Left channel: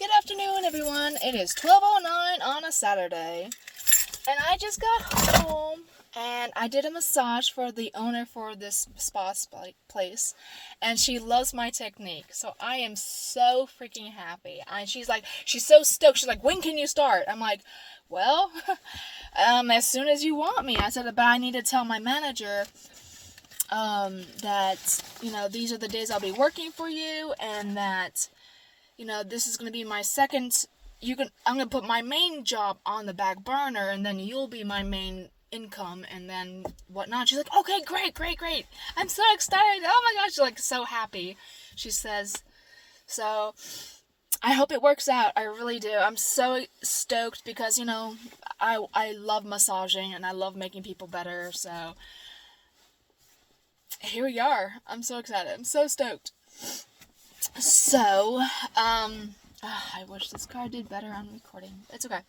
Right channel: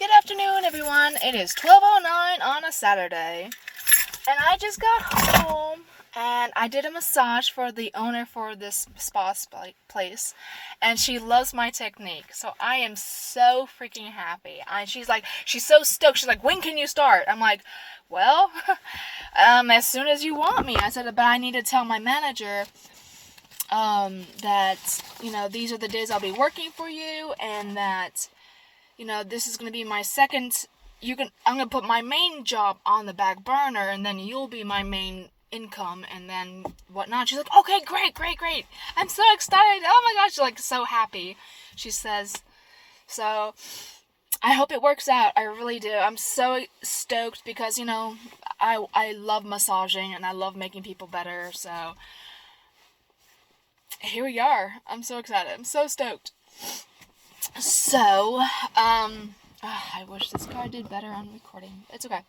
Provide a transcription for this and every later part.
Good afternoon, everyone. It is 12:09 on a Saturday, and I just got home and I did a massage for the owner for this spa place, and she loves my technique. So I am so freaking happy. She's so stoked. She's like, "When can you start?" I'm like, "Well, as soon as you want me." I said, "But I need to tell my manager that these are the days I'll be working for you, and that." This is going to be my second. I'm going to put my main job on the back burner, and then you'll be my main income, and then whatnot. She's like, okay, great. I'm so excited. Oh my gosh, she's like so happy. She says, so I hope it works out. I really do. I'm so stoked because, I love massaging and I love making people better. So here we are. I'm so excited. I'm so stoked. So, I wish this car did better on recording. It's okay.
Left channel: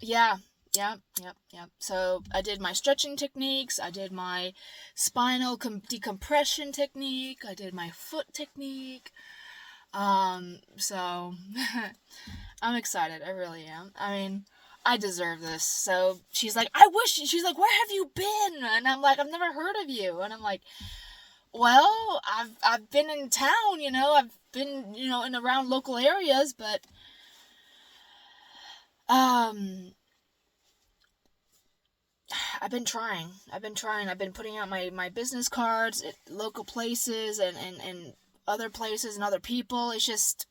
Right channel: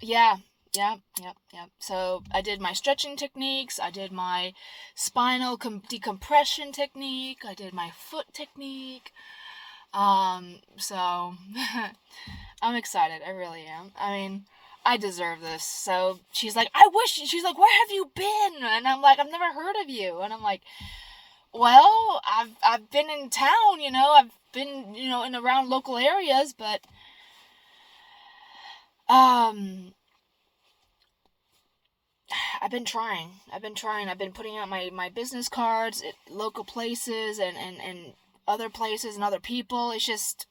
Yeah. So, I did my stretching techniques, I did my spinal decompression technique, I did my foot technique. So, I'm excited. I really am. I mean, I deserve this. So, she's like, she's like, where have you been? And I'm like, I've never heard of you. And I'm like, well, I've been in town, I've been, in around local areas, but I've been trying. I've been putting out my business cards at local places and other places and other people. It's just,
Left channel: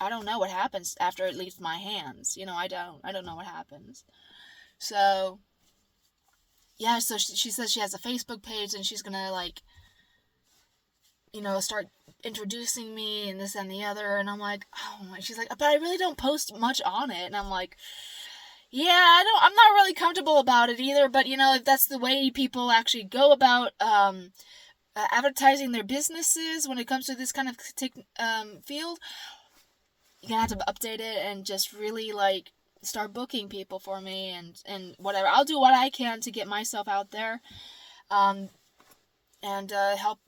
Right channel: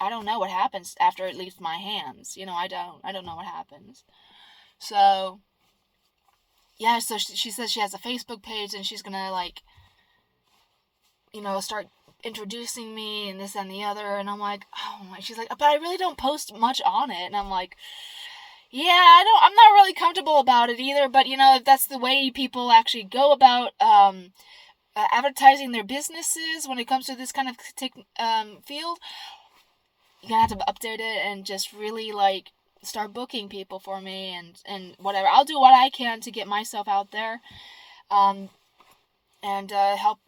I don't know what happens after it leaves my hands. I don't know what happens. So, yeah, so she says she has a Facebook page and she's gonna, start introducing me and this and the other, and I'm like, oh my, she's like, but I really don't post much on it, and I'm like, yeah, I'm not really comfortable about it either, but if that's the way people actually go about advertising their businesses when it comes to this kind of field, you're gonna have to update it and just really start booking people for me and whatever. I'll do what I can to get myself out there and help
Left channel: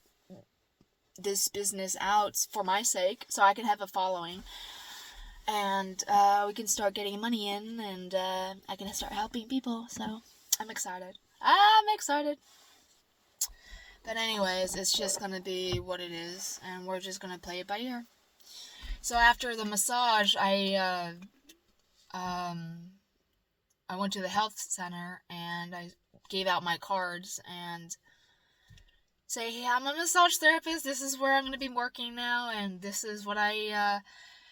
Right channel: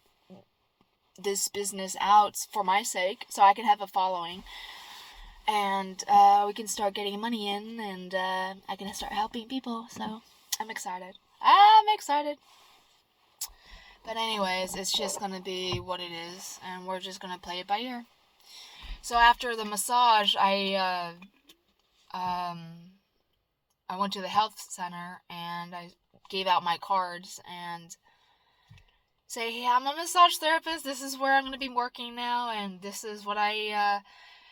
this business out for my sake, so I can have a following, and we can start getting money in, and I can start helping people. So I'm excited. But anyways, it's just gonna be what it is, and we're just gonna play it by ear. So after the massage, I went to the health center and I gave out my cards and say, hey, I'm a massage therapist, this is where I'm going to be working now, and this is what I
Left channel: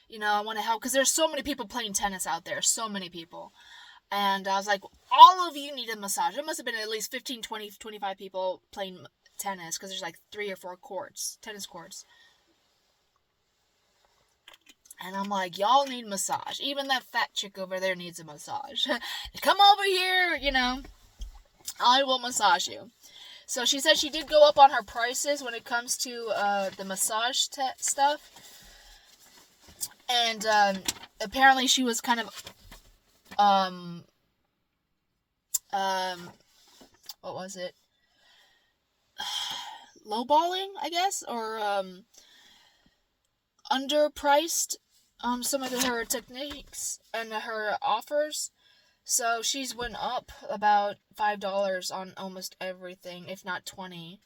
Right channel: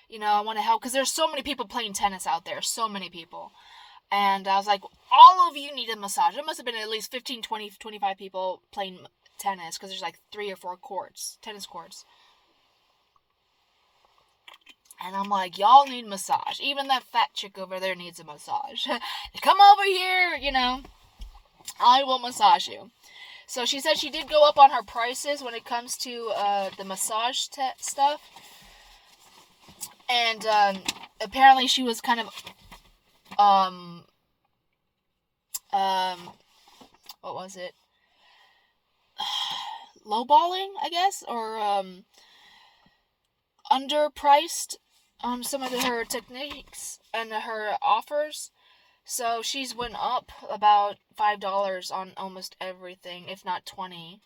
want to help, because there's so many people playing tennis out there, so many people, and I was like, all of you need a massage. There must have been at least 15, 20, 25 people playing tennis, because there's 3 or 4 tennis courts, and I'm like, y'all need massage, even that fat chick over there needs a massage. Come over here, I will massage you. So she said she did go up on her prices when it comes to the massage stuff. And apparently she was kind of what was it? Lowballing, I guess, or underpriced some of her techniques and her offers. So she's went up about $5 on almost everything, if not 20.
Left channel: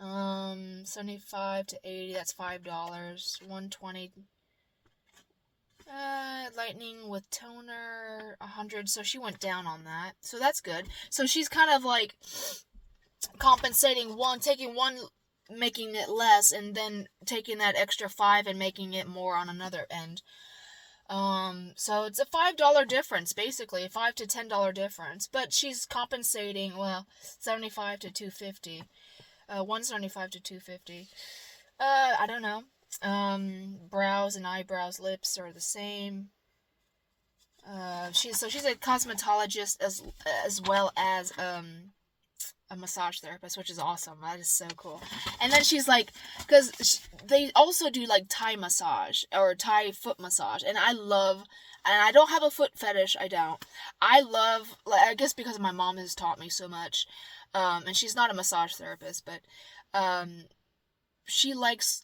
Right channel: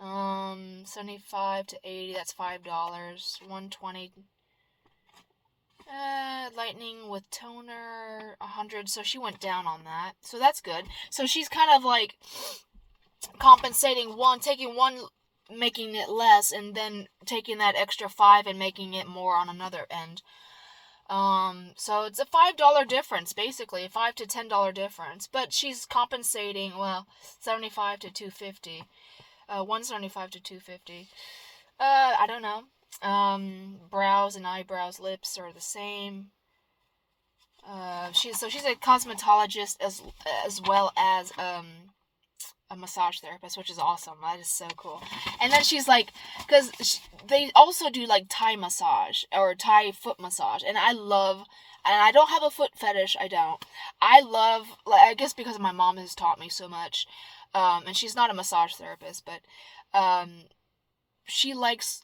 75 to 80, that's $5. 120. Lightning with toner, 100. So she went down on that. So that's good. So she's kind of compensating taking one, making it less, and then taking that extra 5 and making it more on another end. So it's a $5 difference, basically, a $5 to $10 difference, but she's compensating, 75 to 250, 175 to 250, I don't know, brows and eyebrows, lips are the same, she's a cosmetologist as well as, a massage therapist, which is awesome. That is so cool. And then she's like, because they also do Thai massage or Thai foot massage, and I don't have a foot fetish. I love, I guess because my mom has taught me so much, and she's not a massage therapist, but she likes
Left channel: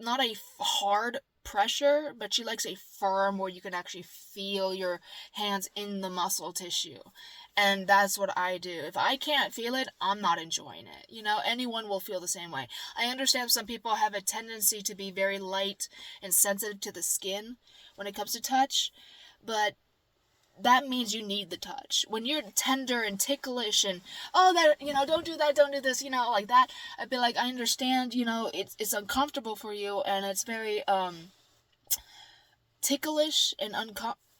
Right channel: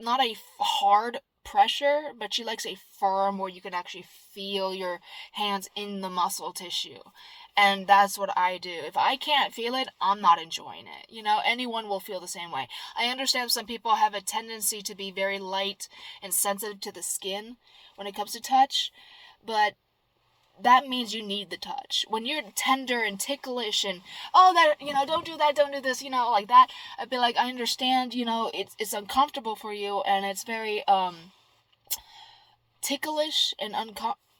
not a hard pressure, but she likes a firm where you can actually feel your hands in the muscle tissue. And that's what I do. If I can't feel it, I'm not enjoying it. Anyone will feel the same way. I understand some people have a tendency to be very light and sensitive to the skin when it comes to touch, but that means you need the touch. When you're tender and ticklish and, oh, that, don't do that, don't do this, like that, I'd be like, I understand, it's uncomfortable for you, and it's very, ticklish and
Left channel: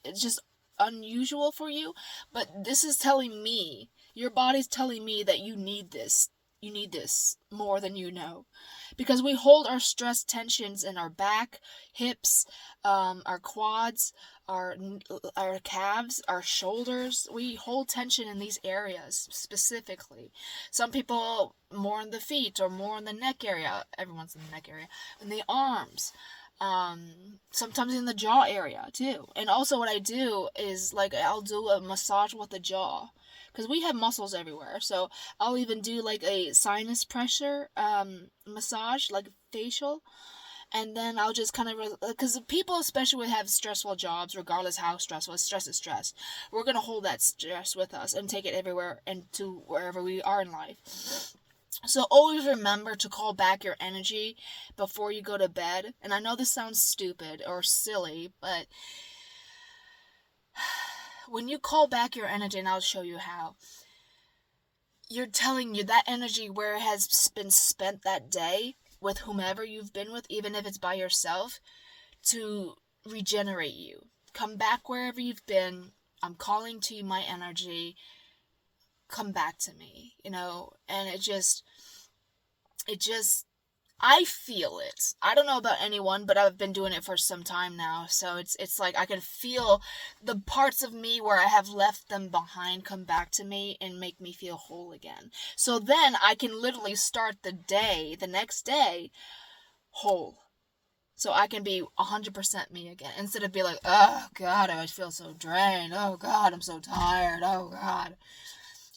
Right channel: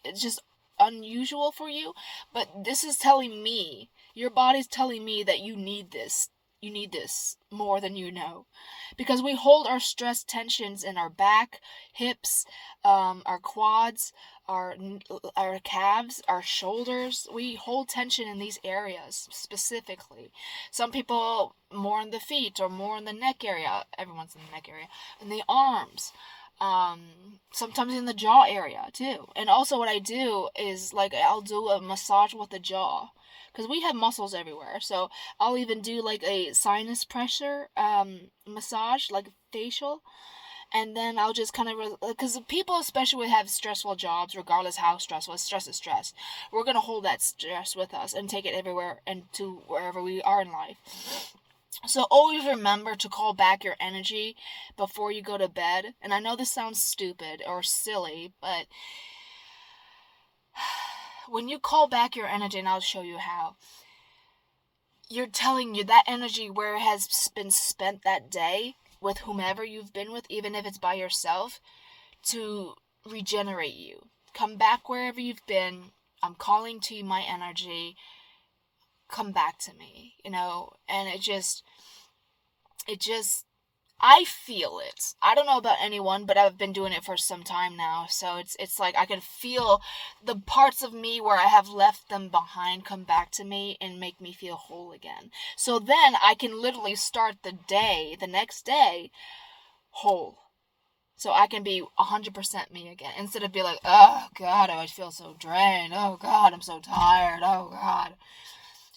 it's just unusual for you, but this is telling me, your body's telling me that you need this more than you know, because we hold our stress tensions in our back, hips, our quads, our calves, our shoulders. We hold tension in these areas specifically. Some people more in the feet or more in the neck area. Everyone's in the neck area. In the arms. Sometimes in the jaw area too. And also what I do is, like, I'll do a massage with the jaw, because we have muscles everywhere. So I'll even do like a sinus pressure massage, like facial, and then I'll just kind of, because people especially have stressful jobs, regardless how stressful, stress is stress, we're going to hold that stress with us and take it everywhere and to wherever we are in life. So always remember to call back your energy before you go to bed. And I know this sounds stupid or silly, but when you call back your energy, and I'll show you how, you're telling you that energy where it has been spent that day with whomever you've been with, even if it's by yourself, to regenerate you. Come back wherever you've been. I'm calling to you my energy. Come back to me, and it just, I feel it. I don't know about anyone, but I've been doing it for some time now, so it's like I can feel the parts of me where I have left them behind come back to me and make me feel whole again. So then I can literally start the next day, whole. So I can be 100% me again, instead of be like, oh God, I feel so drained. Oh God, I'm so tired. Oh God.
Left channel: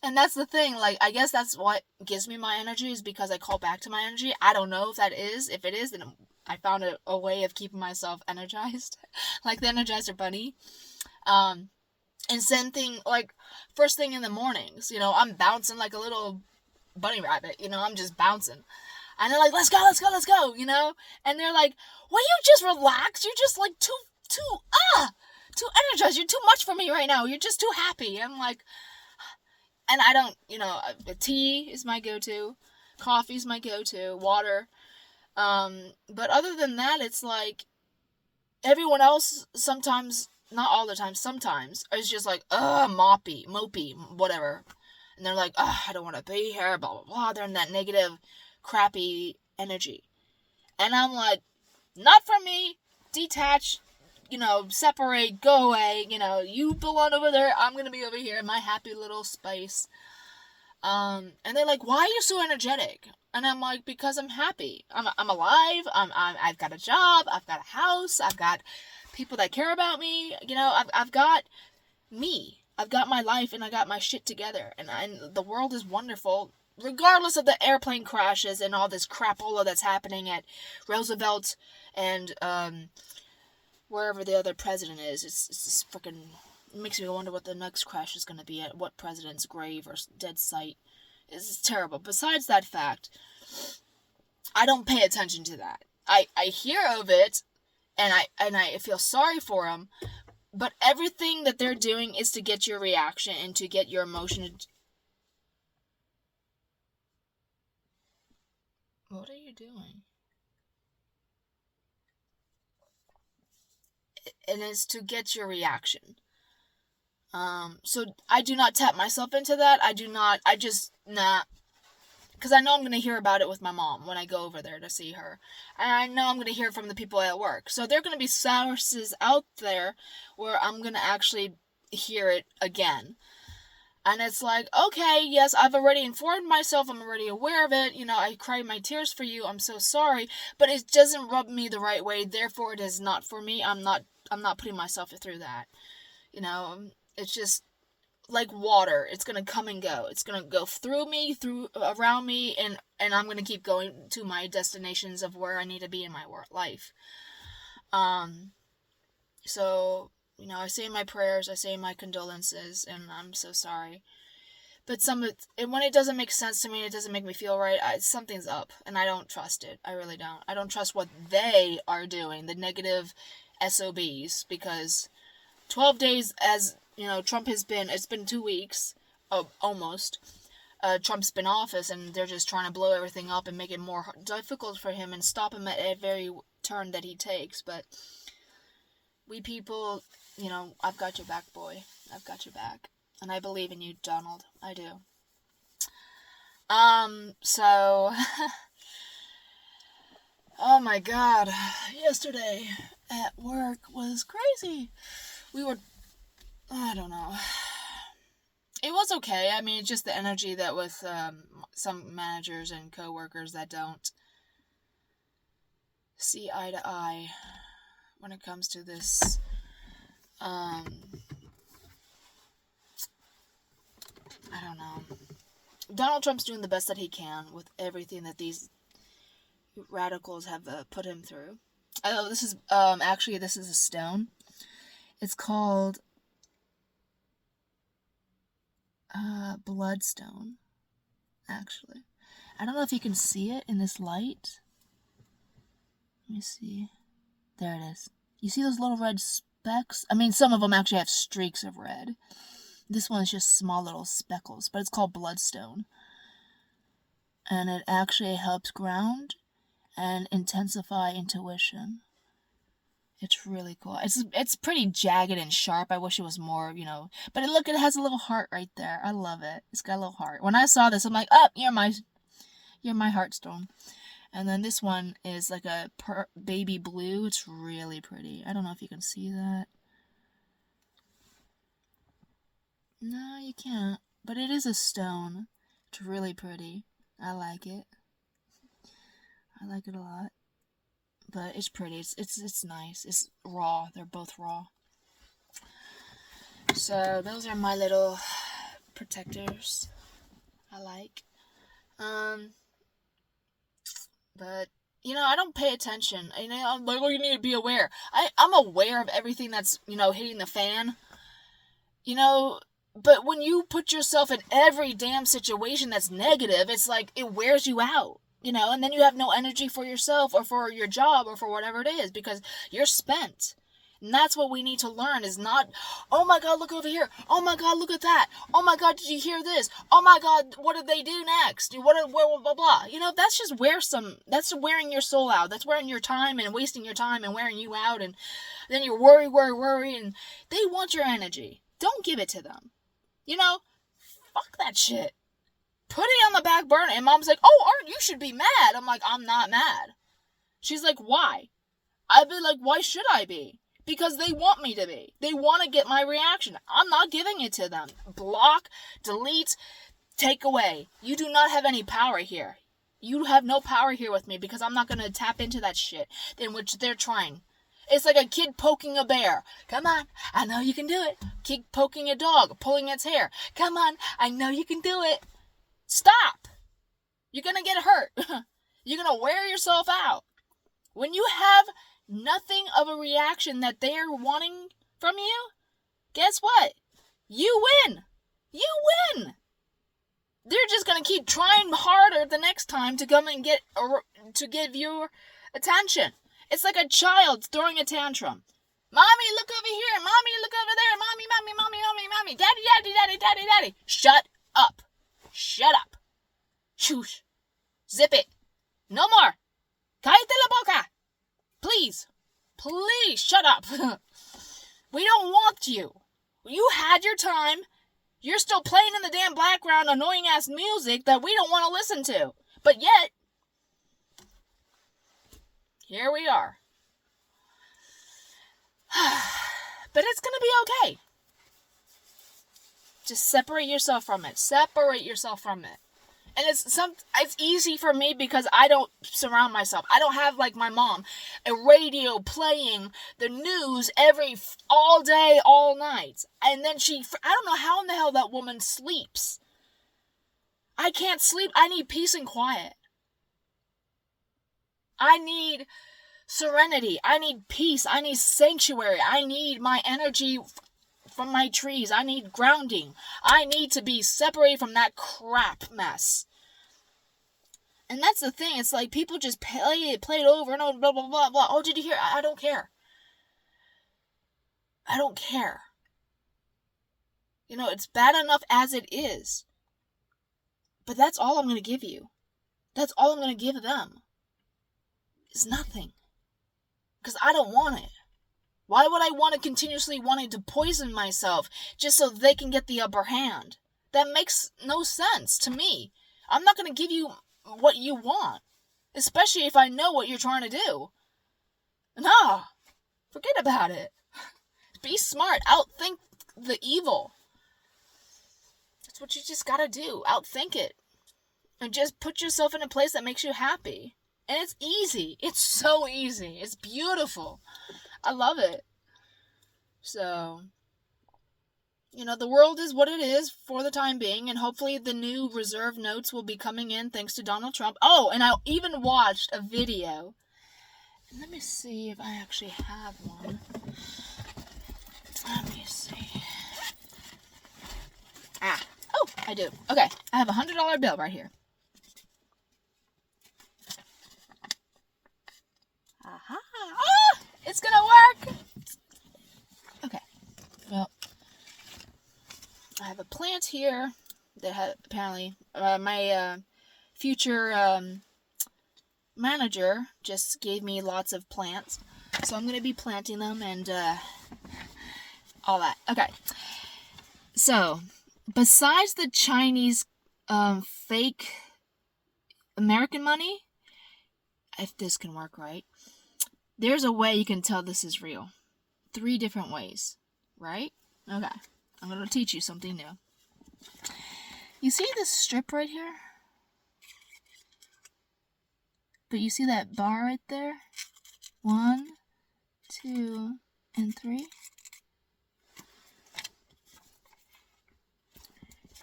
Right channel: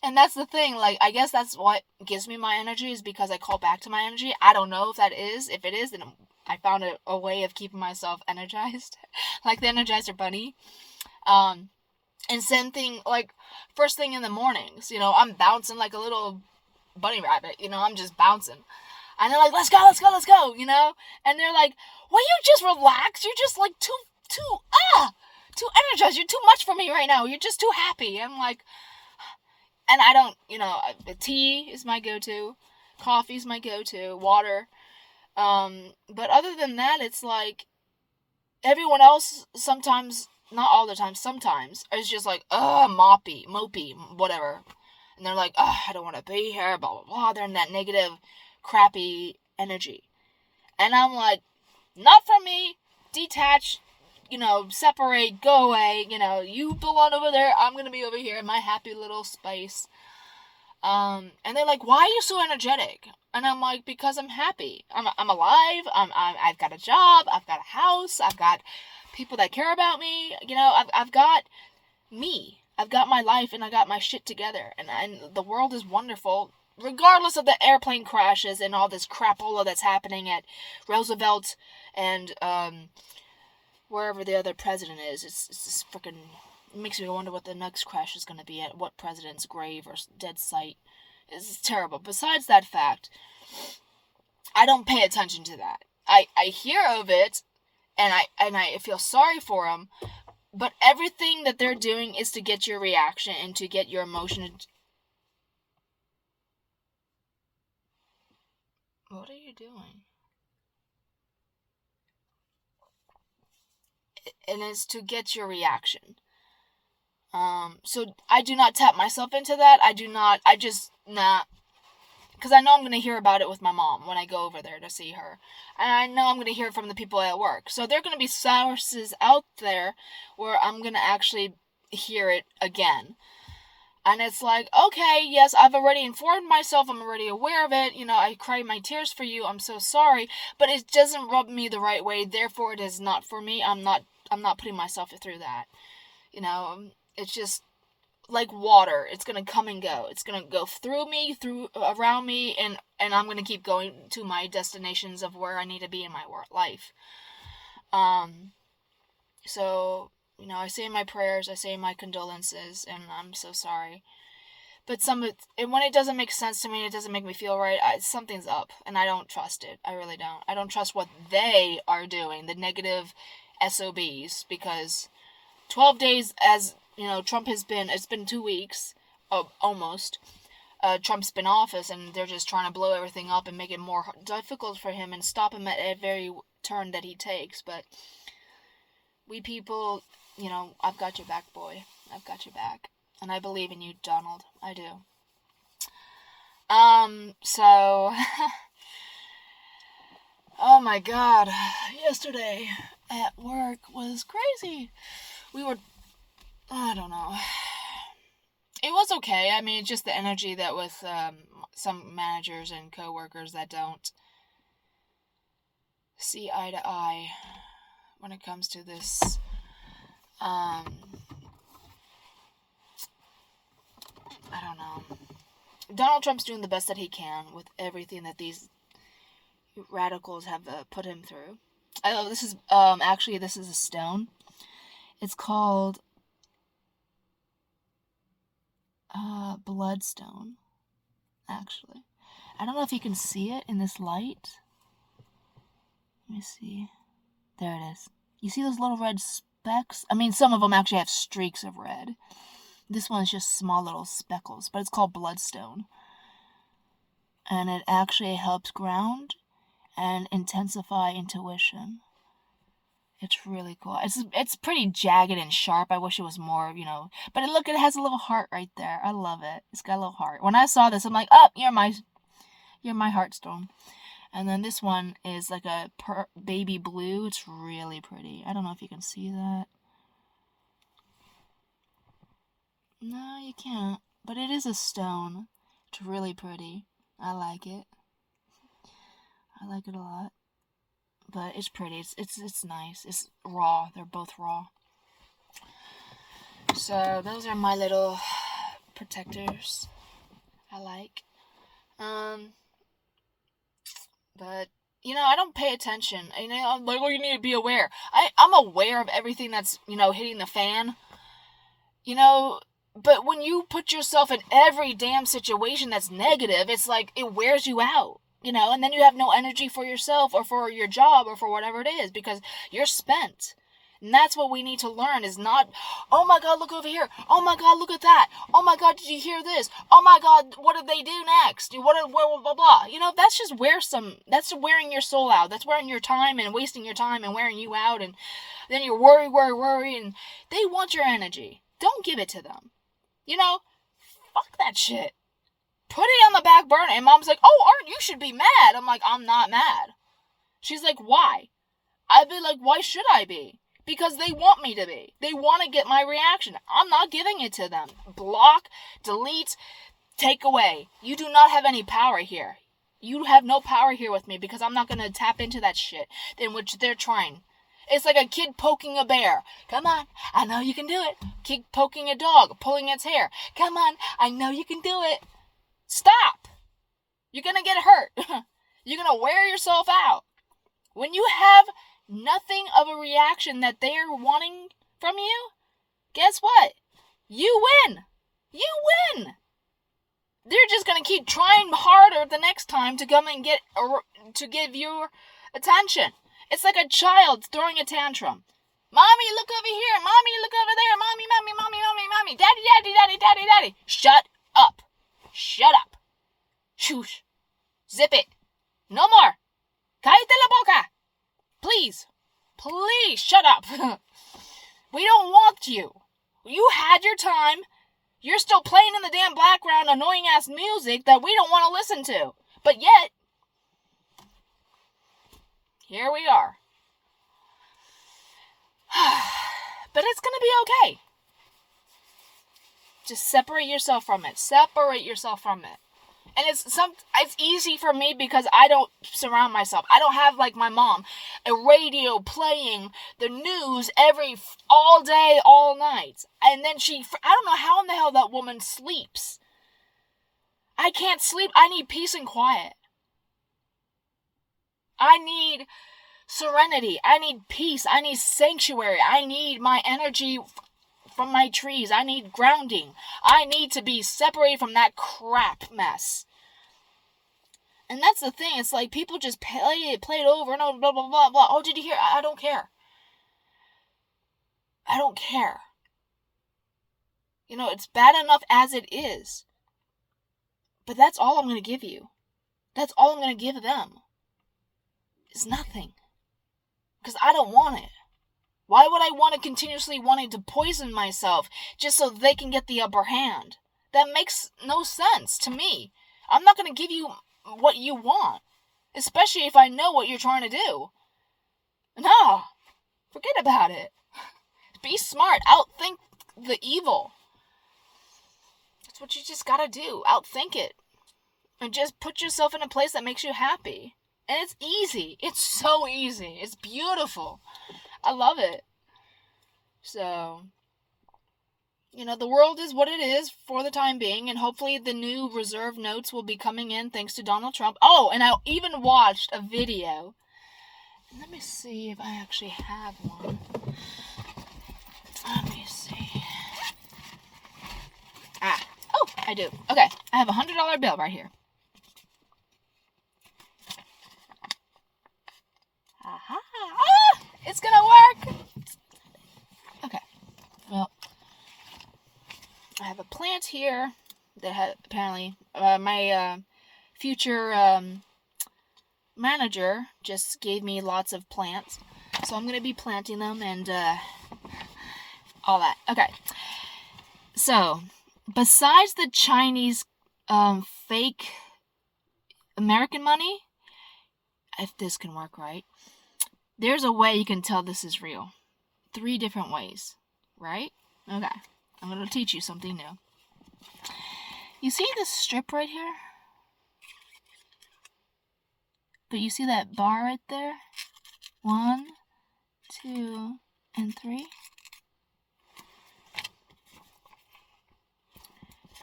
And that's the thing, like, I guess that's what gives me my energy, is because I call back to my energy. I don't know if that is. If it is, then I found a way of keeping myself energized. Like the Energizer Bunny. And same thing, like, first thing in the mornings, I'm bouncing like a little bunny rabbit, I'm just bouncing. And they're like, let's go, let's go, let's go, And they're like, will you just relax? You're just, like, too energized. You're too much for me right now. You're just too happy. I'm like... And I don't, the tea is my go-to, coffee's my go-to, water, but other than that, it's like, everyone else sometimes, not all the time, sometimes, is just like, mopey, whatever, and they're like, I don't want to be here, blah, blah, blah, they're in that negative, crappy energy, and I'm like, not for me, detach, separate, go away, you belong over there, I'm gonna be over here in my happy little space. And they're like, why are you so energetic? And I'm like, because I'm happy. I'm alive. I've got a job. I've got a house. I've got people that care about me. I've got me. I've got my life, and I got my shit together. And the world is wonderful, regardless of the airplane crashes and all this crapola that's happening at Roosevelt and, wherever the other president is. It's just freaking, it makes me wonder what the next crash is going to be at, what president's grave or dead site. It's terrible. Besides that fact, I don't pay attention to that. I hear of it, and I feel sorry for them, but everything that they're doing is to get your reaction and to get your emotion. What are you doing? And it's to get your reaction. So I do not tap myself into that. Because I know I'm going to hear about it with my mom when I go over there to see her. And I know I'm going to hear from the people at work. So there are going to be sources out there where I'm going to actually hear it again. And it's like, okay, yes, I've already informed myself. I'm already aware of it. I cried my tears for you. I'm so sorry. But it doesn't rub me the right way. Therefore, it is not for me. I'm not putting myself through that. It's just, like water. It's gonna come and go. It's gonna go through me, around me, and I'm gonna keep going to my destinations of where I need to be in my life. So, I say my prayers, I say my condolences, and I'm so sorry. But when it doesn't make sense to me, it doesn't make me feel right, something's up, and I don't trust it. I really don't. I don't trust what they are doing, the negative SOBs, because 12 days, as, Trump has been, it's been 2 weeks, almost, Trump's been in office, and they're just trying to blow everything up and make it more difficult for him and stop him at every turn that he takes. But we people, I've got your back, boy. I've got your back. And I believe in you, Donald. I do. So, oh my God. Yesterday at work was crazy. I don't know. It was okay. I mean, just the energy that with some managers and coworkers that don't see eye to eye when it comes to this I don't know. Donald Trump's doing the best that he can with everything that these radicals have put him through. This is this is a stone. It's called bloodstone, actually. I don't know if you can see it in this light. Let me see. There it is. You see those little red specks? I mean, some of them actually have streaks of red. This one is just small little speckles, but it's called bloodstone. And it actually helps ground and intensify intuition. It's really cool. It's pretty jagged and sharp. I wish it was more, But look, it has a little heart right there. I love it. It's got a little heart. When I saw this, I'm like, oh, you're my heartstone. And then this one is like a baby blue. It's really pretty. I don't know if you can see that. No, you can't. But it is a stone. It's really pretty. I like it. I like it a lot. But it's pretty. It's nice. It's raw. They're both raw. So those are my little protectors. I like. But I don't pay attention. I'm like, you need to be aware. I'm aware of everything that's hitting the fan. But when you put yourself in every damn situation that's negative, it's like it wears you out. And then you have no energy for yourself or for your job or for whatever it is because you're spent. And that's what we need to learn is not, oh my God, look over here. Oh my God, look at that. Oh my God, did you hear this? Oh my God, what did they do next? Blah, blah, blah. That's just that's wearing your soul out. That's wearing your time and wasting your time and wearing you out. And then you worry. And they want your energy. Don't give it to them. Fuck that shit. Put it on the back burner. And Mom's like, oh, you should be mad. I'm like, I'm not mad. She's like, why? I'd be like, why should I be? Because they want me to be. They want to get my reaction. I'm not giving it to them. Block, delete, take away. You do not have any power here. You have no power here with me because I'm not going to tap into that shit in which they're trying. It's like a kid poking a bear. Come on, I know you can do it. Keep poking a dog, pulling its hair. Come on, I know you can do it. Stop. You're going to get hurt. You're going to wear yourself out. When you have nothing of a reaction that they are wanting from you, guess what? You win. You win. They're just going to keep trying harder the next time to come and to give you attention. It's like a child throwing a tantrum. Mommy, look over here. Mommy, look over there. Mommy. Daddy. Shut up. Shut up. Shush. Zip it. No more. Cállate la boca. Please, shut up. We don't want you. You had your time. You're still playing in the damn background annoying ass music that we don't want to listen to. But yet, here we are. But it's going to be okay. Just separate yourself from it. And it's easy for me because I don't surround myself. I don't have, like my mom, a radio playing the news all day, all night. And then I don't know how in the hell that woman sleeps. I can't sleep. I need peace and quiet. I need serenity. I need peace. I need sanctuary. I need my energy from my trees. I need grounding. I need to be separated from that crap mess. And that's the thing. It's like people just play it over and over, blah, blah, blah, blah. Oh, did you hear? I don't care. I don't care. You know, it's bad enough as it is. But that's all I'm going to give you. That's all I'm going to give them. Is nothing. Because I don't want it. Why would I want to continuously wanting to poison myself just so they can get the upper hand? That makes no sense to me. I'm not going to give you what you want. Especially if I know what you're trying to do. Nah. Forget about it. Be smart. Outthink the evil. That's what you just gotta do. Outthink it. And just put yourself in a place that makes you happy. And it's easy. It's so easy. It's beautiful. I love it. So, you know, the world is what it is for the time being. And hopefully the new reserve notes will be coming in thanks to Donald Trump. Oh, and I even watched a video. Let me see if I actually have one. Let me see. Oh, I do. Okay, I have a $100 bill right here. Aha! Ah! It's gonna work! Okay, well, I have a plant here that apparently my future manager just gave me lots of plants. So I'm gonna be planting them and all that. Okay, so besides the Chinese fake American money, if this can work right, there's a way you can tell this is real. 3 different ways, right? Okay, I'm going to teach you something new. You see this strip right here? But you see that bar right there? 1, 2, and 3.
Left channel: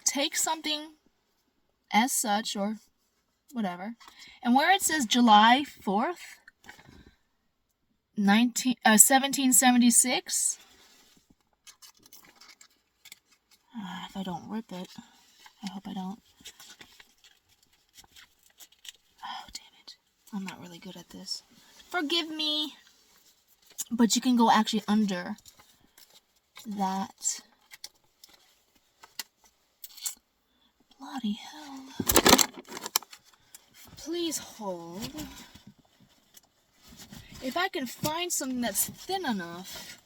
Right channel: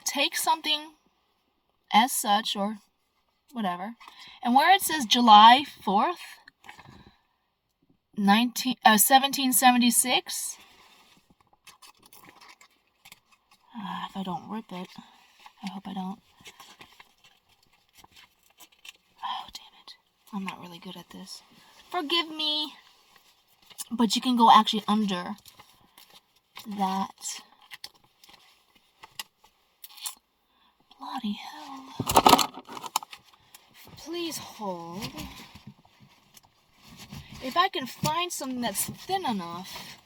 Take something as such or whatever, and where it says July 4th, 1776, if I don't rip it, I hope I don't. Oh, damn it. I'm not really good at this. Forgive me. But you can go actually under that. Bloody hell. Please hold. If I can find something that's thin enough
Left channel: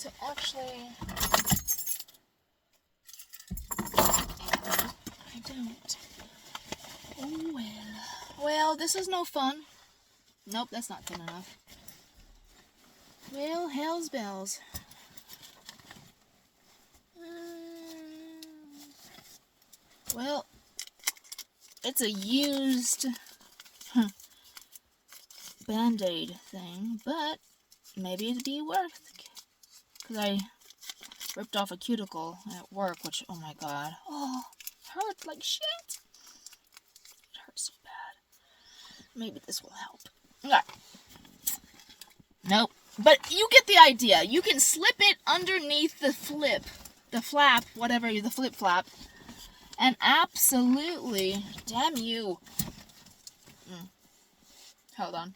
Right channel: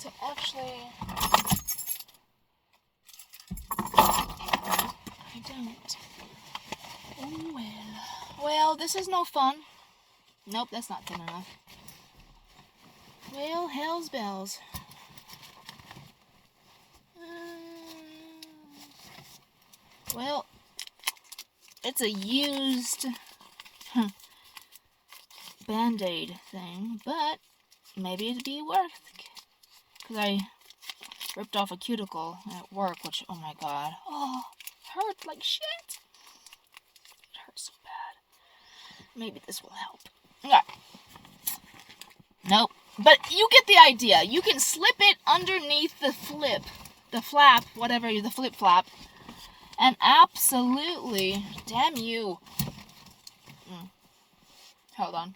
to actually... I don't. Oh well. Well, this is no fun. Nope, that's not thin enough. Well, hell's bells. Well, it's a used Band-Aid thing, but maybe it'd be worth it. Because I ripped off a cuticle at work, which, oh my god. Oh, hurt like shit. It hurts so bad. Maybe this will help. Okay. Nope. But you get the idea. You can slip it underneath the flap, whatever, the flip flap. And absolutely, damn you. Hold on.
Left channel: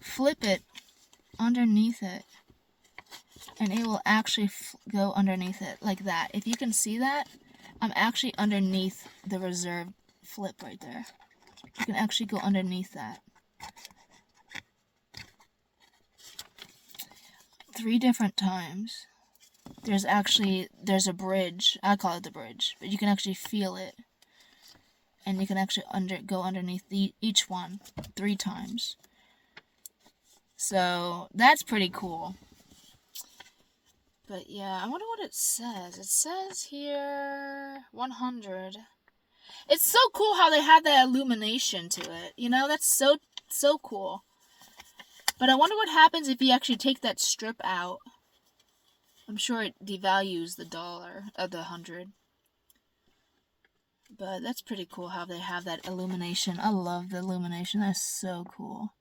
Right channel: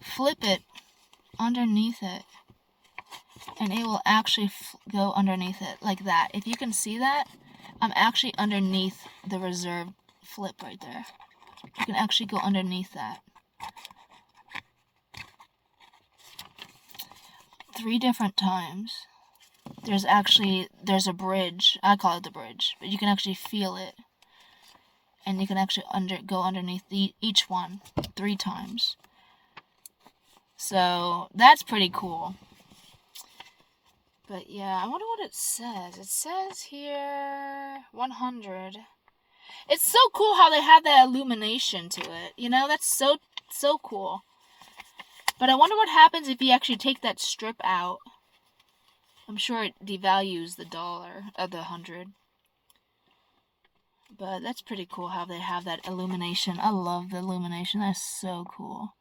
Flip it underneath it. And it will actually go underneath it like that. If you can see that, I'm actually underneath the reserve flip right there. You can actually go underneath that. 3 different times. There's a bridge. I call it the bridge. But you can actually feel it. And you can actually go underneath each one 3 times. So, that's pretty cool. But yeah, I wonder what it says. It says here 100. It's so cool how they have that illumination to it. You know, that's so cool. But I wonder what happens if you actually take that strip out. I'm sure it devalues the dollar of the 100. But that's pretty cool how they have that illumination. I love the illumination. That's so cool.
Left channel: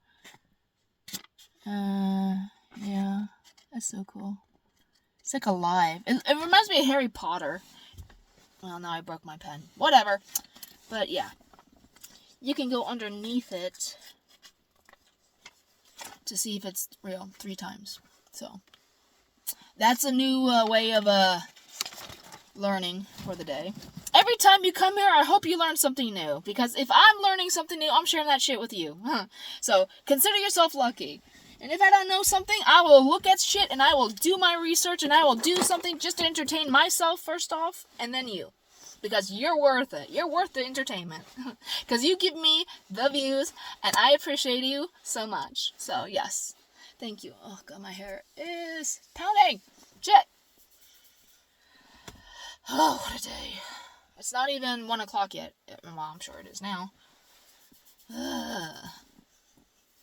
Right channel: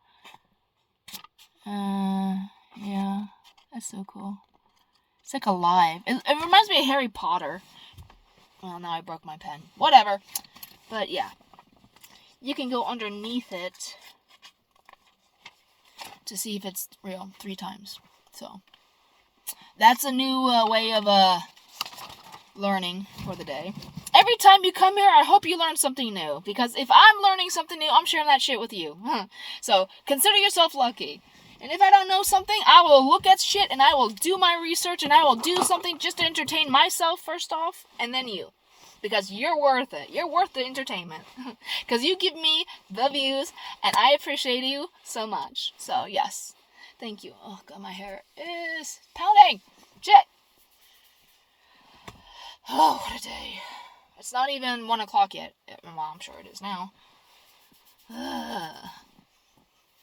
Yeah, that's so cool. It's like alive. It reminds me of Harry Potter. Well, now I broke my pen. Whatever. But yeah. You can go underneath it to see if it's real 3 times. So, that's a new way of learning for the day. Every time you come here, I hope you learn something new. Because if I'm learning something new, I'm sharing that shit with you. So, consider yourself lucky. And if I don't know something, I will look at shit and I will do my research and I will do something just to entertain myself first off, and then you. Because you're worth it. You're worth the entertainment. Because you give me the views and I appreciate you so much. So, yes. Thank you. Oh, God, my hair is pounding. Shit. Oh, what a day. It's not even 1 o'clock yet. Well, I'm sure it is now.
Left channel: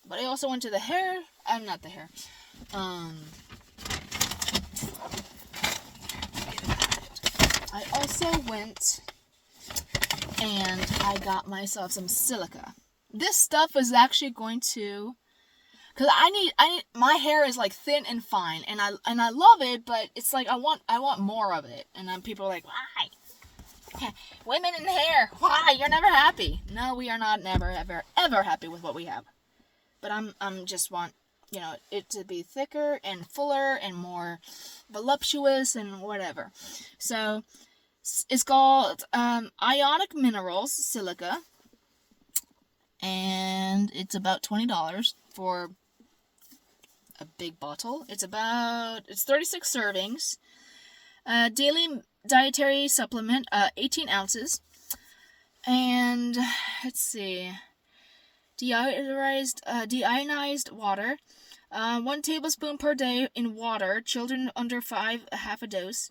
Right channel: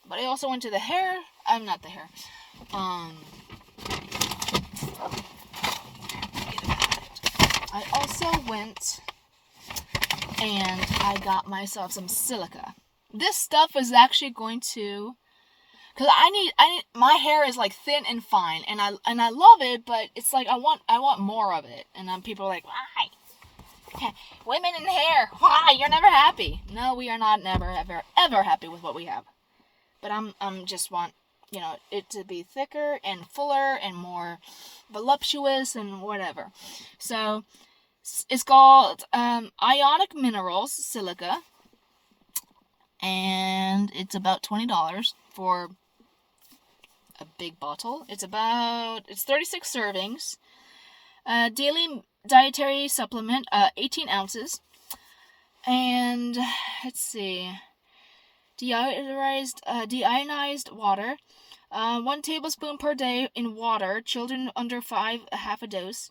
But I also went to the hair. I'm not the hair. I also went and I got myself some silica. This stuff is actually going to, cause I need my hair is like thin and fine, and I love it, but it's like I want more of it, and then people are like, why? Women in hair, why? You're never happy. No, we are not never ever happy with what we have. But I'm just want, you know, it to be thicker and fuller and more voluptuous and whatever. So it's called Ionic Minerals Silica, and it's about $20 for a big bottle. It's 36 servings. Daily dietary supplement, 18 ounces. And let's see. Deionized water, 1 tablespoon per day in water. Children under 5, half a dose.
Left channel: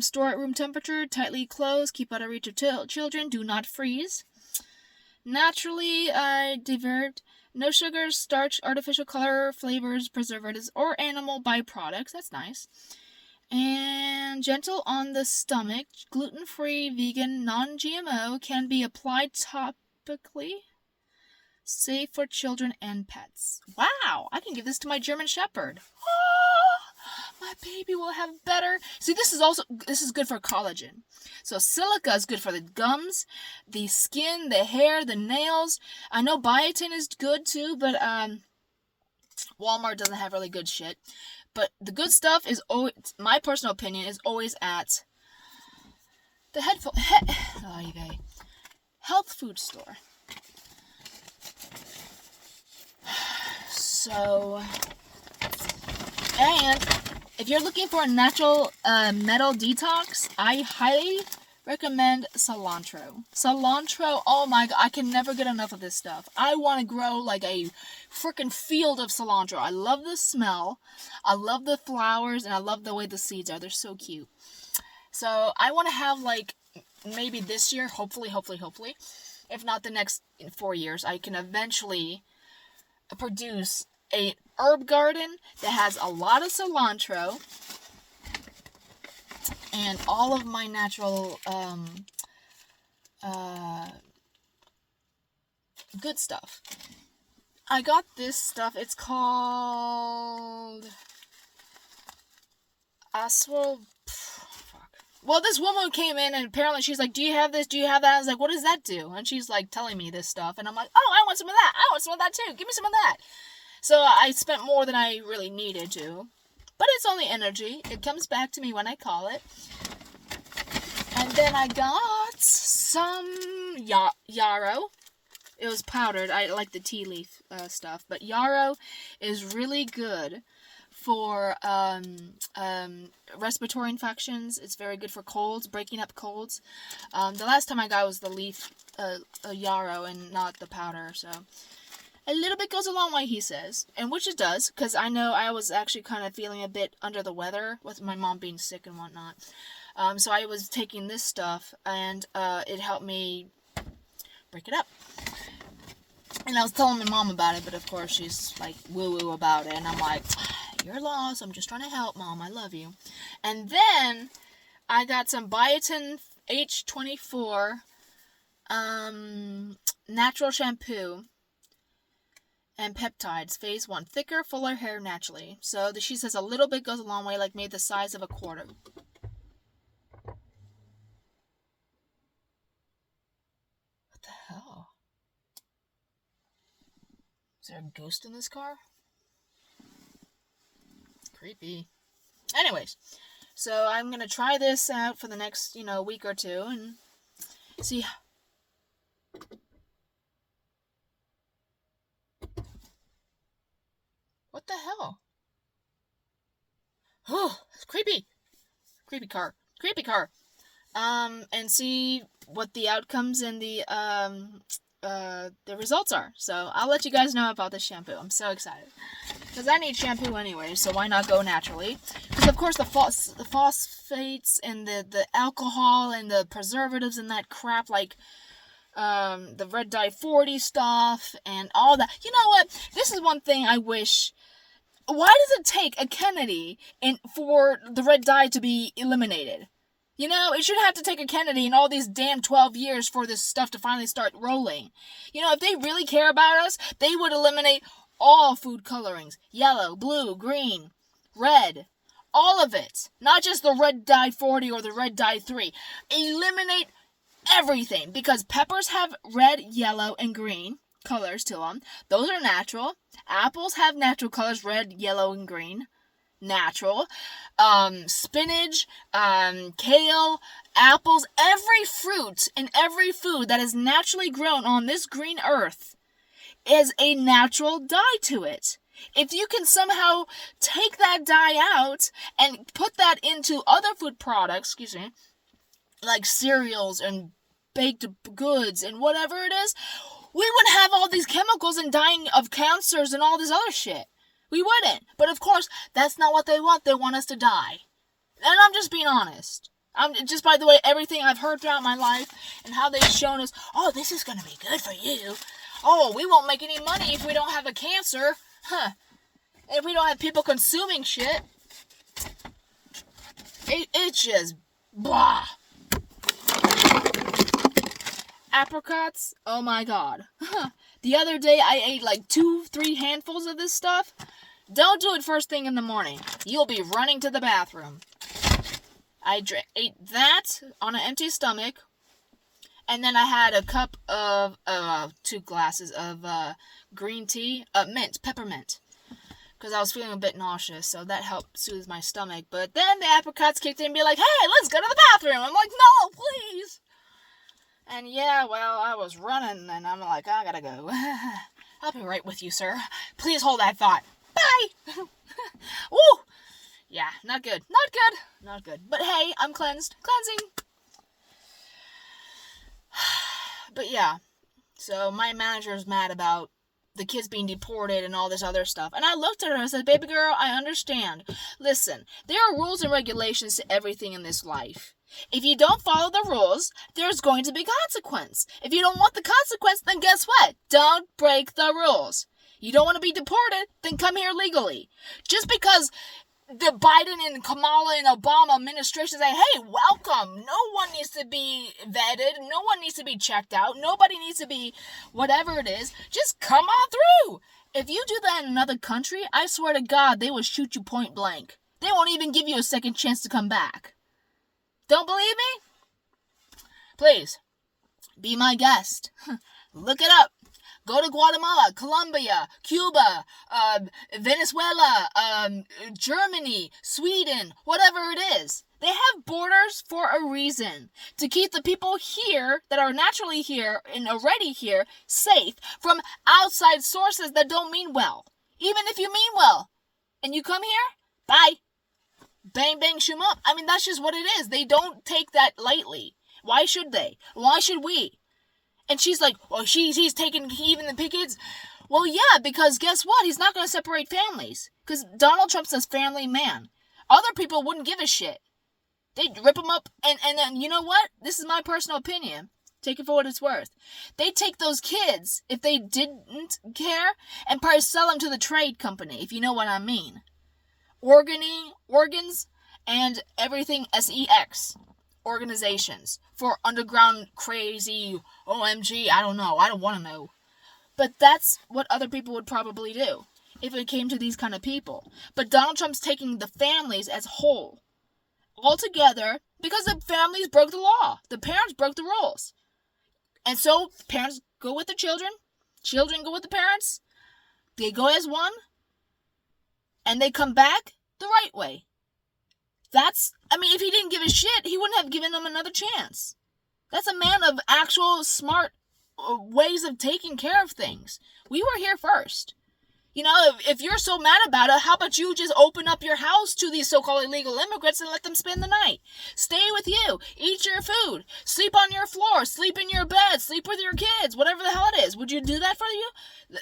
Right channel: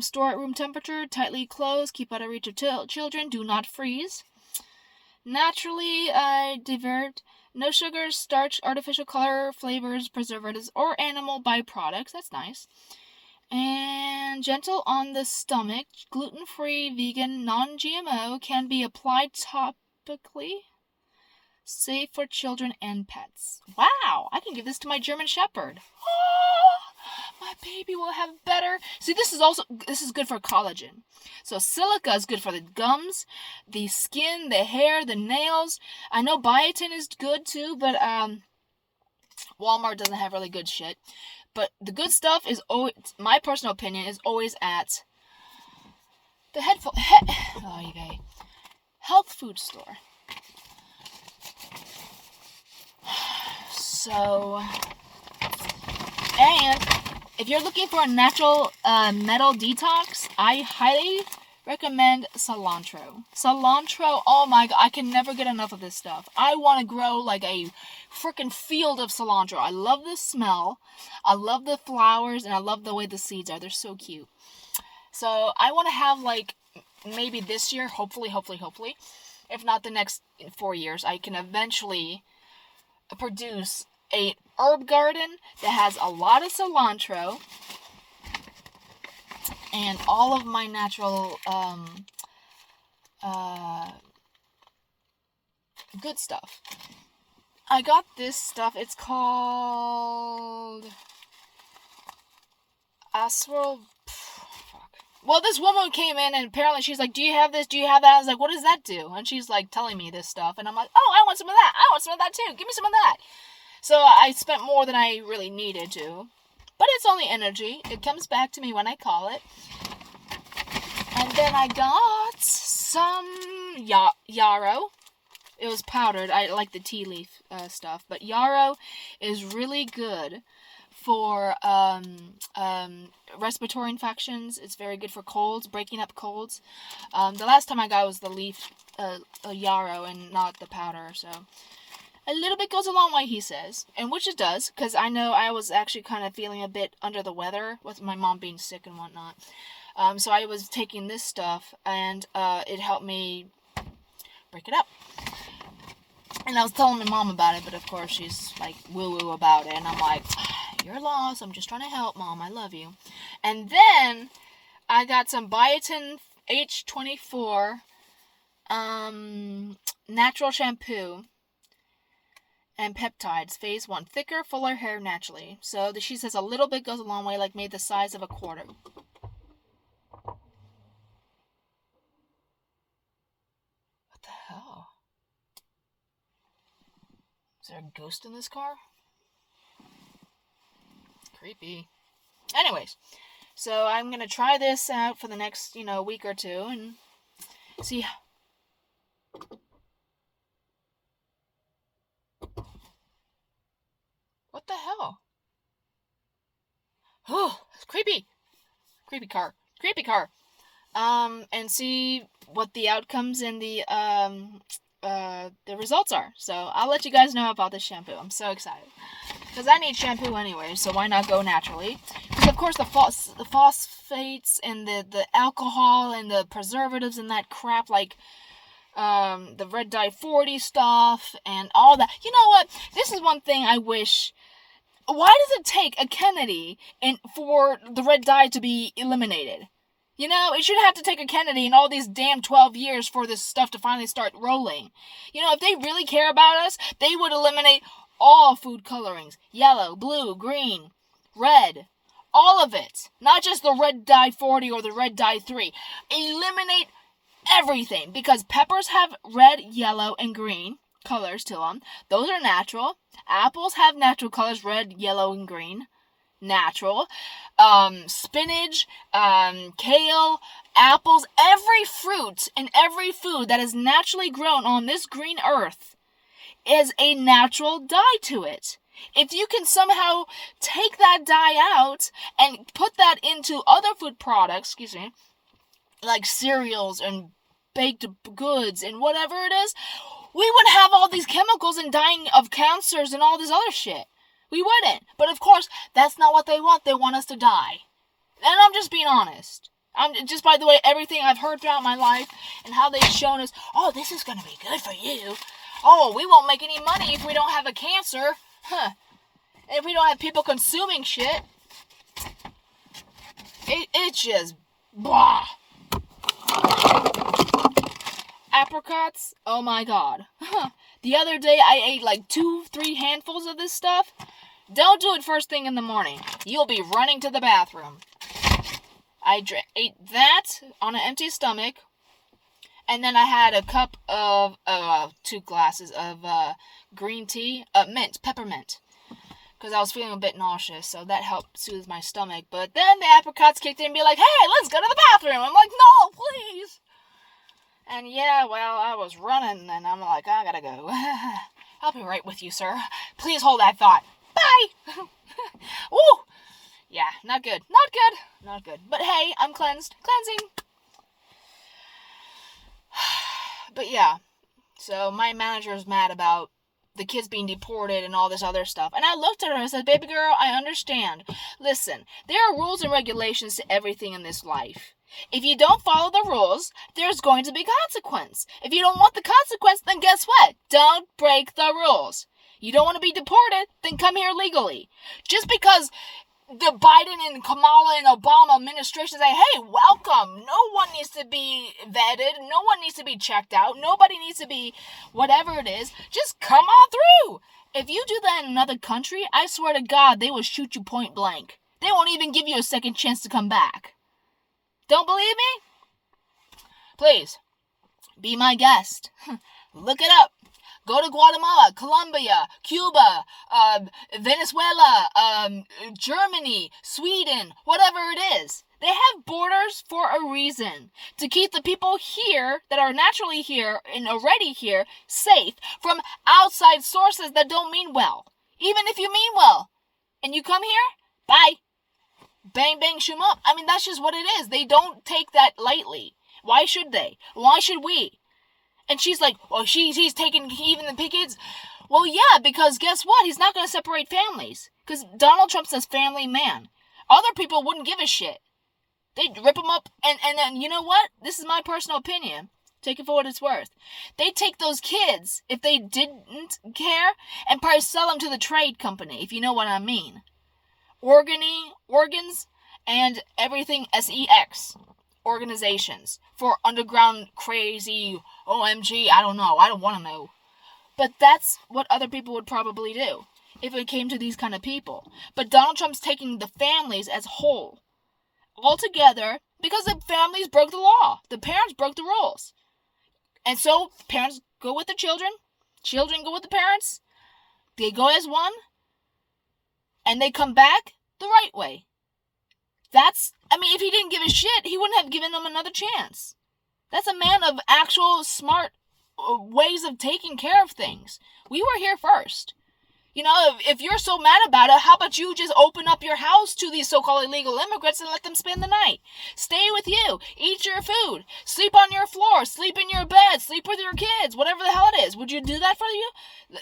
Store at room temperature, tightly closed, keep out of reach of children, do not freeze. Naturally developed, no sugar, starch, artificial color, flavors, preservatives, or animal byproducts. That's nice. And gentle on the stomach, gluten-free, vegan, non-GMO, can be applied topically. Safe for children and pets. Wow, I can give this to my German Shepherd. My baby will have better. See, this is good for collagen. So silica is good for the gums, the skin, the hair, the nails. I know biotin is good too, but Walmart doesn't have really good shit. But the good stuff is always, my personal opinion, is always at the health food store. So, and if you're looking for a natural metal detox, I highly recommend cilantro. Cilantro, oh my god, I can never get enough of this stuff. I want to grow like a freaking field of cilantro. I love the smell, I love the flowers, and I love the way the seeds are. They're so cute. So I want to have, like, maybe this year, hopefully, if not the next 4 years, I can eventually produce a herb garden that has a lot of cilantro and all of my natural good stuff. I got this stuff. It's called Aswell. Well, this woman came in and apparently she's like, do you have this? Do you have that? I was like, what does that do? And she's like telling me this stuff. And I'm like, oh, I want some of that. I want some of that too. Give me some of that. So I spent more than I really needed to. But it's only energy. It comes back to me when I call it. And then I got some yarrow. It was powdered. I like the tea leaf stuff. But yarrow is really good for respiratory infections. It's very good for colds, breaking up colds. The last time I got was the leaf yarrow and not the powder. So A little bit goes a long way, he says. And which it does, because I know I was actually kind of feeling a bit under the weather with my mom being sick and whatnot. So I was taking this stuff, and it helped me break it up. And I was telling my mom about it, but of course she's like woo-woo about it. And I'm like, you're lost. I'm just trying to help, Mom. I love you. And then I got some Biotin H24 natural shampoo and peptides, phase 1. Thicker, fuller hair naturally. So she says a little bit goes a long way, like made the size of a quarter. What the hell? Is there a ghost in this car? Creepy. Anyways, so I'm going to try this out for the next, week or two and see. What the hell? Oh, it's creepy. Creepy car. And see what the outcomes and the results are. So I'll let you guys know about this shampoo. I'm so excited. Because I need shampoo anyway, so why not go naturally? Because of course the phosphates and the alcohol and the preservatives and that crap, like the red dye 40 stuff and all that. You know what? This is one thing I wish. Why does it take a Kennedy for the red dye to be eliminated? It shouldn't have to take a Kennedy and all these damn 12 years for this stuff to finally start rolling. If they really care about us, they would eliminate all food colorings. Yellow, blue, green, red. All of it. Not just the red dye 40 or the red dye 3. Eliminate everything. Because peppers have red, yellow, and green colors to them. Those are natural. Apples have natural colors, red, yellow, and green. Natural. Spinach, kale, apples, every fruit and every food that is naturally grown on this green earth is a natural dye to it. If you can somehow take that dye out and put that into other food products, like cereals and baked goods and whatever it is, we wouldn't have all these chemicals and dying of cancers and all this other shit. We wouldn't. But of course, that's not what they want. They want us to die. And I'm just being honest. I'm just, by the way, everything I've heard throughout my life and how they've shown us, oh, this is going to be good for you. Oh, we won't make any money if we don't have a cancer. If we don't have people consuming shit. It's just, blah. Apricots, oh my god. The other day I ate like 2-3 handfuls of this stuff. Don't do it first thing in the morning. You'll be running to the bathroom. I ate that on an empty stomach. And then I had a cup of, 2 glasses of green tea, peppermint. Because I was feeling a bit nauseous, so that helped soothe my stomach. But then the apricots kicked in and be like, hey, let's go to the bathroom. I'm like, no, please. And yeah, well, I was running, and I'm like, I gotta go. I'll be right with you, sir. Please hold that thought. Bye! Woo! Yeah, not good. Not good. But hey, I'm cleansed. Cleansing! But yeah, so my manager's mad about the kids being deported and all this other stuff. And I looked at her and said, baby girl, I understand. Listen, there are rules and regulations to everything in this life. If you don't follow the rules, there's going to be consequence. If you don't want the consequence, then guess what? Don't break the rules. You don't want to be deported, then come here legally. Just because the Biden and Kamala and Obama administration say, hey, welcome. No one needs to be vetted. No one needs to be checked out. Nobody needs to be whatever it is. Just come on through. If you do that in another country, I swear to God, they will shoot you point blank. They won't even give you a second chance to come back. Don't believe me? Please, be my guest. Look it up. Go to Guatemala, Colombia, Cuba, Venezuela, Germany, Sweden, whatever it is. They have borders for a reason. To keep the people here that are naturally here and already here safe from outside sources that don't mean well. Even if you mean well and you come here, bye. Bang, bang, shoom up. I mean, that's just what it is. They don't take that lightly. Why should they? Why should we? And she's like, well, he's taking even the kids. Well, yeah, because guess what? He's not going to separate families. Because Donald Trump's a family man. Other people wouldn't give a shit. They'd rip him up, and then, you know what? This is my personal opinion. Take it for what it's worth. They'd take those kids, if they didn't care, and probably sell them to the trade company, if you know what I mean. Organs, and everything sex organizations for underground crazy OMG, I don't know. I don't want to know. But that's what other people would probably do if it came to these kind of people. But Donald Trump's taking the families as whole, all together, because the families broke the law. The parents broke the rules. And so parents go with the children go with the parents, they go as one, and they come back the right way. If he didn't give a shit, he wouldn't have given them another chance. That's a man of actual smart ways of taking care of things. We were here first. If you're so mad about it, how about you just open up your house to these so-called illegal immigrants and let them spend the night? Stay with you. Eat your food. Sleep on your floor. Sleep in your bed. Sleep with your kids. Whatever the hell it is. Would you do that for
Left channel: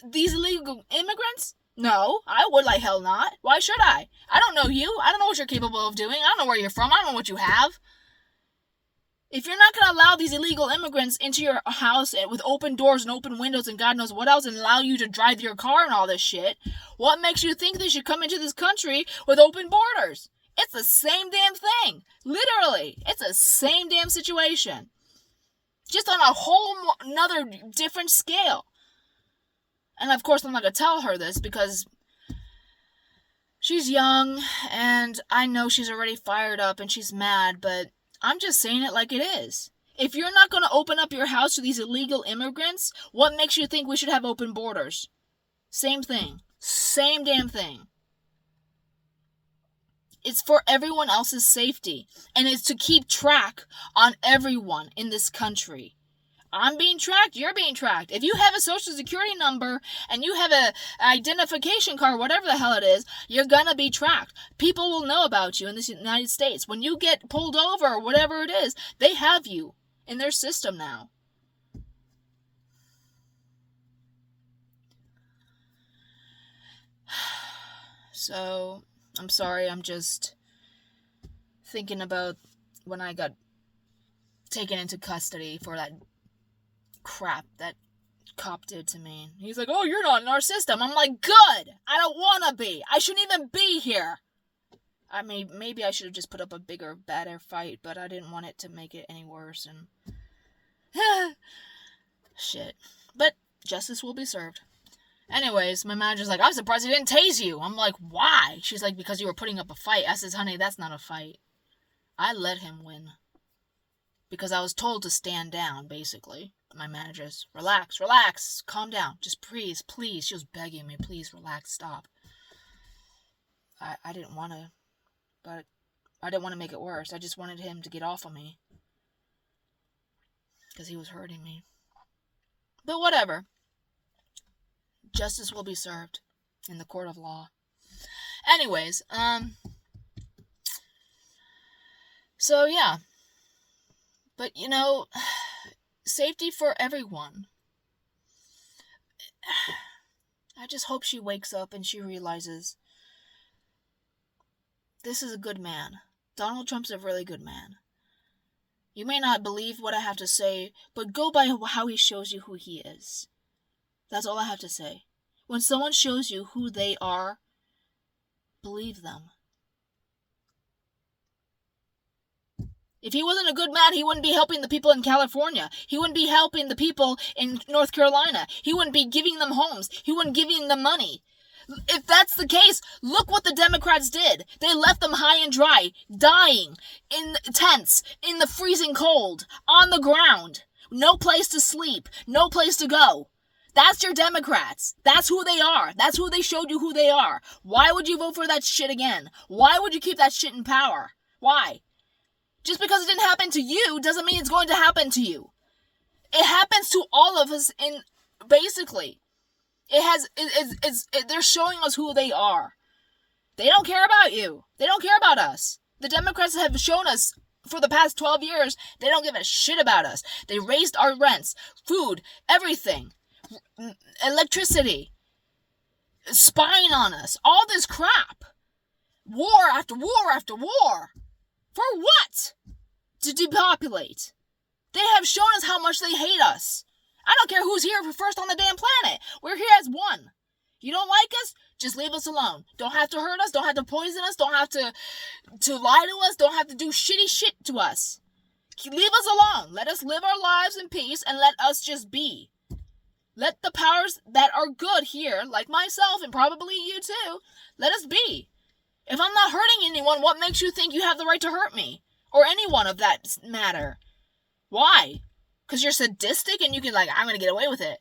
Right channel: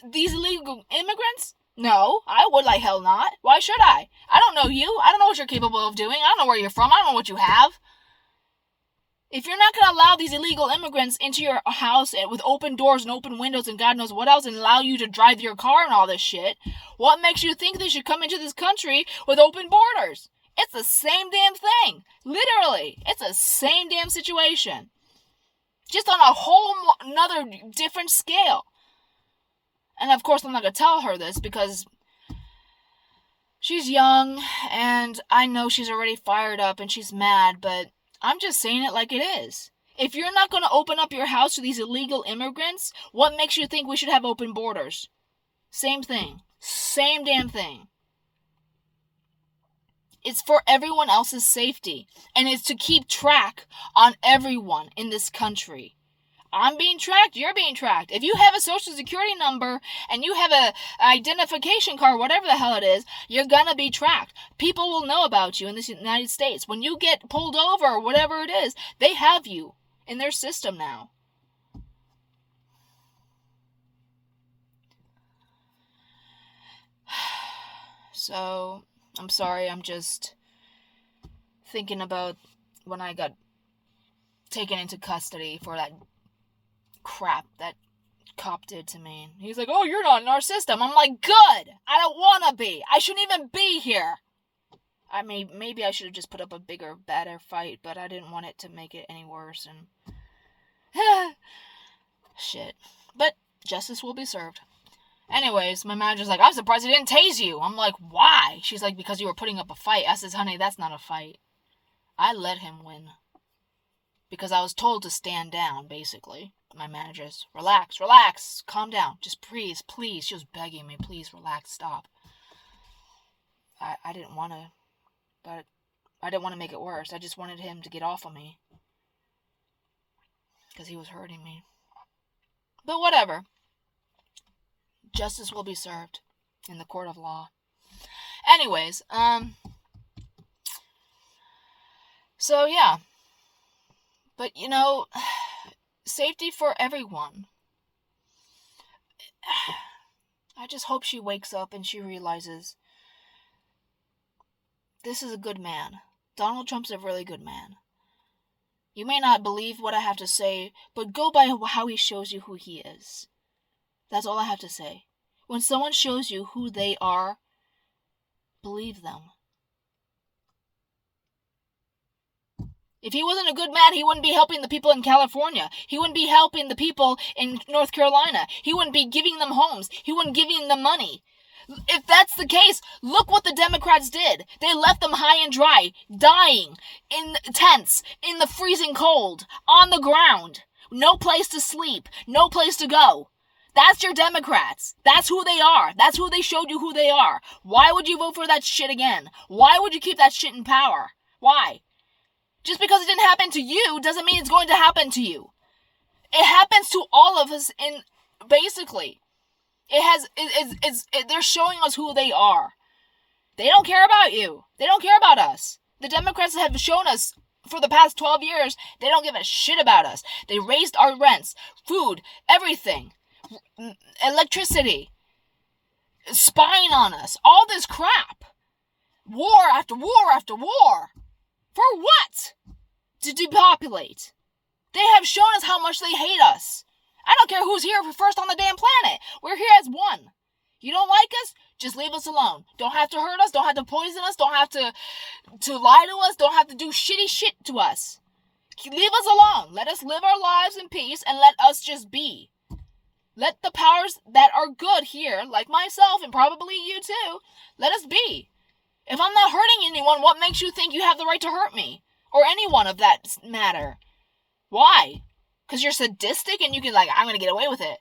these illegal immigrants? No, I would like hell not. Why should I? I don't know you. I don't know what you're capable of doing. I don't know where you're from. I don't know what you have. If you're not going to allow these illegal immigrants into your house with open doors and open windows and God knows what else and allow you to drive your car and all this shit, what makes you think they should come into this country with open borders? It's the same damn thing. Literally. It's the same damn situation. Just on a whole another different scale. And of course I'm not going to tell her this because she's young and I know she's already fired up and she's mad, but I'm just saying it like it is. If you're not going to open up your house to these illegal immigrants, what makes you think we should have open borders? Same thing. Same damn thing. It's for everyone else's safety. And it's to keep track on everyone in this country. I'm being tracked, you're being tracked. If you have a social security number and you have an identification card, whatever the hell it is, you're gonna be tracked. People will know about you in the United States. When you get pulled over or whatever it is, they have you in their system now. So, I'm sorry, I'm just thinking about when I got taken into custody for that crap that cop did to me. He's like, oh, you're not in our system. I'm like, good. I don't want to be. I shouldn't even be here. Maybe I should have just put up a bigger, better fight, but I didn't want it to make it any worse. And shit. But justice will be served. Anyways, my manager's like, I'm surprised he didn't tase you. I'm like, why? She's like, because you were putting up a fight. I says, honey, that's not a fight. I let him win. Because I was told to stand down, basically. My manager's, relax, calm down. Just please. She was begging me, please, relax, stop. I didn't want to, but I didn't want to make it worse. I just wanted him to get off of me. Because he was hurting me. But whatever. Justice will be served in the court of law. Anyways, so yeah. But, safety for everyone. I just hope she wakes up and she realizes this is a good man. Donald Trump's a really good man. You may not believe what I have to say, but go by how he shows you who he is. That's all I have to say. When someone shows you who they are, believe them. If he wasn't a good man, he wouldn't be helping the people in California. He wouldn't be helping the people in North Carolina. He wouldn't be giving them homes. He wouldn't be giving them money. If that's the case, look what the Democrats did. They left them high and dry, dying, in tents, in the freezing cold, on the ground. No place to sleep, no place to go. That's your Democrats. That's who they are. That's who they showed you who they are. Why would you vote for that shit again? Why would you keep that shit in power? Why? Just because it didn't happen to you doesn't mean it's going to happen to you. It happens to all of us basically. They're showing us who they are. They don't care about you. They don't care about us. The Democrats have shown us for the past 12 years, they don't give a shit about us. They raised our rents, food, everything, electricity. spying on us, all this crap. War after war after war. For what? To depopulate. They have shown us how much they hate us. I don't care who's here first on the damn planet. We're here as one. You don't like us? Just leave us alone. Don't have to hurt us. Don't have to poison us. Don't have to lie to us. Don't have to do shitty shit to us. Leave us alone. Let us live our lives in peace and let us just be. Let the powers that are good here, like myself and probably you too, let us be. If I'm not hurting anyone, what makes you think you have the right to hurt me? Or anyone of that matter? Why? Because you're sadistic and you can I'm going to get away with it.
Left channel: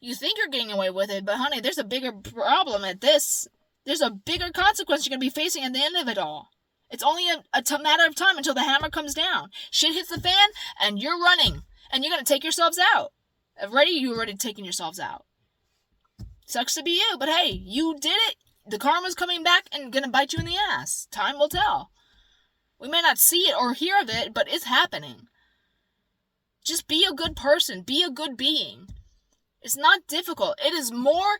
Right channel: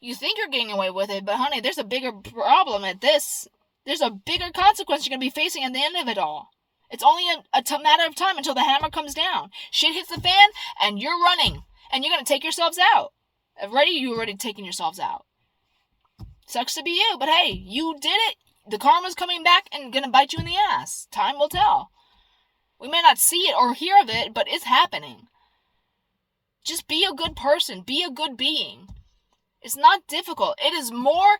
You think you're getting away with it, but honey, there's a bigger problem at this. There's a bigger consequence you're going to be facing at the end of it all. It's only a matter of time until the hammer comes down. Shit hits the fan, and you're running. And you're going to take yourselves out. You're already taking yourselves out. Sucks to be you, but hey, you did it. The karma's coming back and going to bite you in the ass. Time will tell. We may not see it or hear of it, but it's happening. Just be a good person. Be a good being. It's not difficult. It is more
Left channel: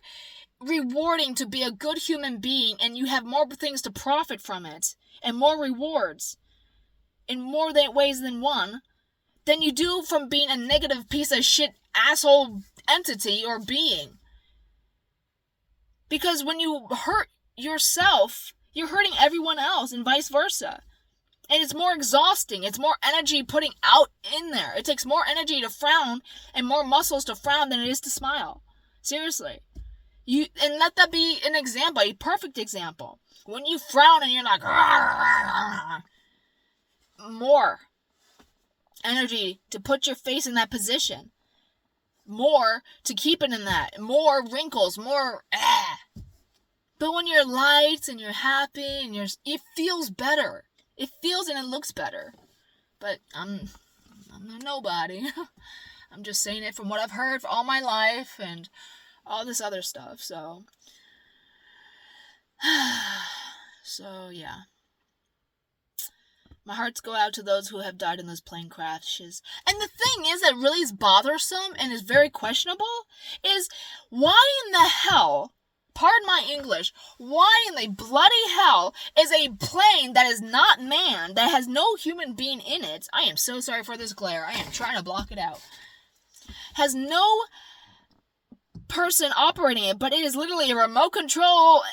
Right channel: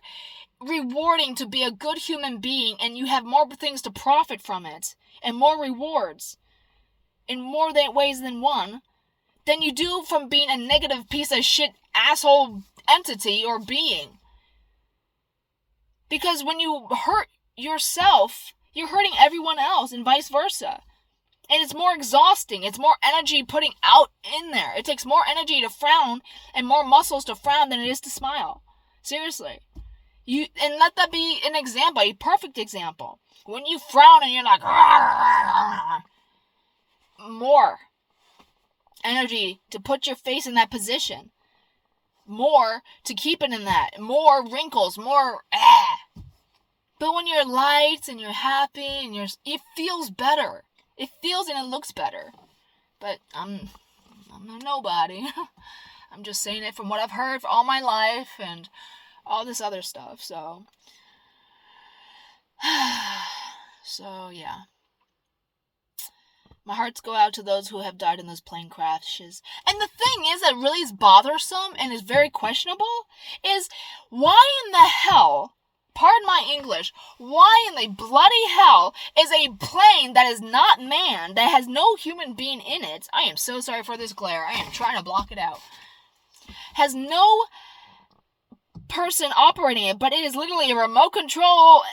rewarding to be a good human being, and you have more things to profit from it, and more rewards, in more ways than one, than you do from being a negative piece of shit asshole entity or being. Because when you hurt yourself, you're hurting everyone else, and vice versa. And it's more exhausting. It's more energy putting out in there. It takes more energy to frown and more muscles to frown than it is to smile. Seriously. And let that be an example, a perfect example. When you frown and you're like, more energy to put your face in that position. More to keep it in that. More wrinkles, more But when you're light and you're happy and it feels better. It feels and it looks better. But I'm a nobody. I'm just saying it from what I've heard for all my life and all this other stuff. So yeah. My hearts go out to those who have died in those plane crashes. And the thing is that really is bothersome and is very questionable is why in the hell, pardon my English, why in the bloody hell is a plane that is not manned, that has no human being in it, I am so sorry for this glare, I am trying to block it out, has no person operating it, but it is literally a remote control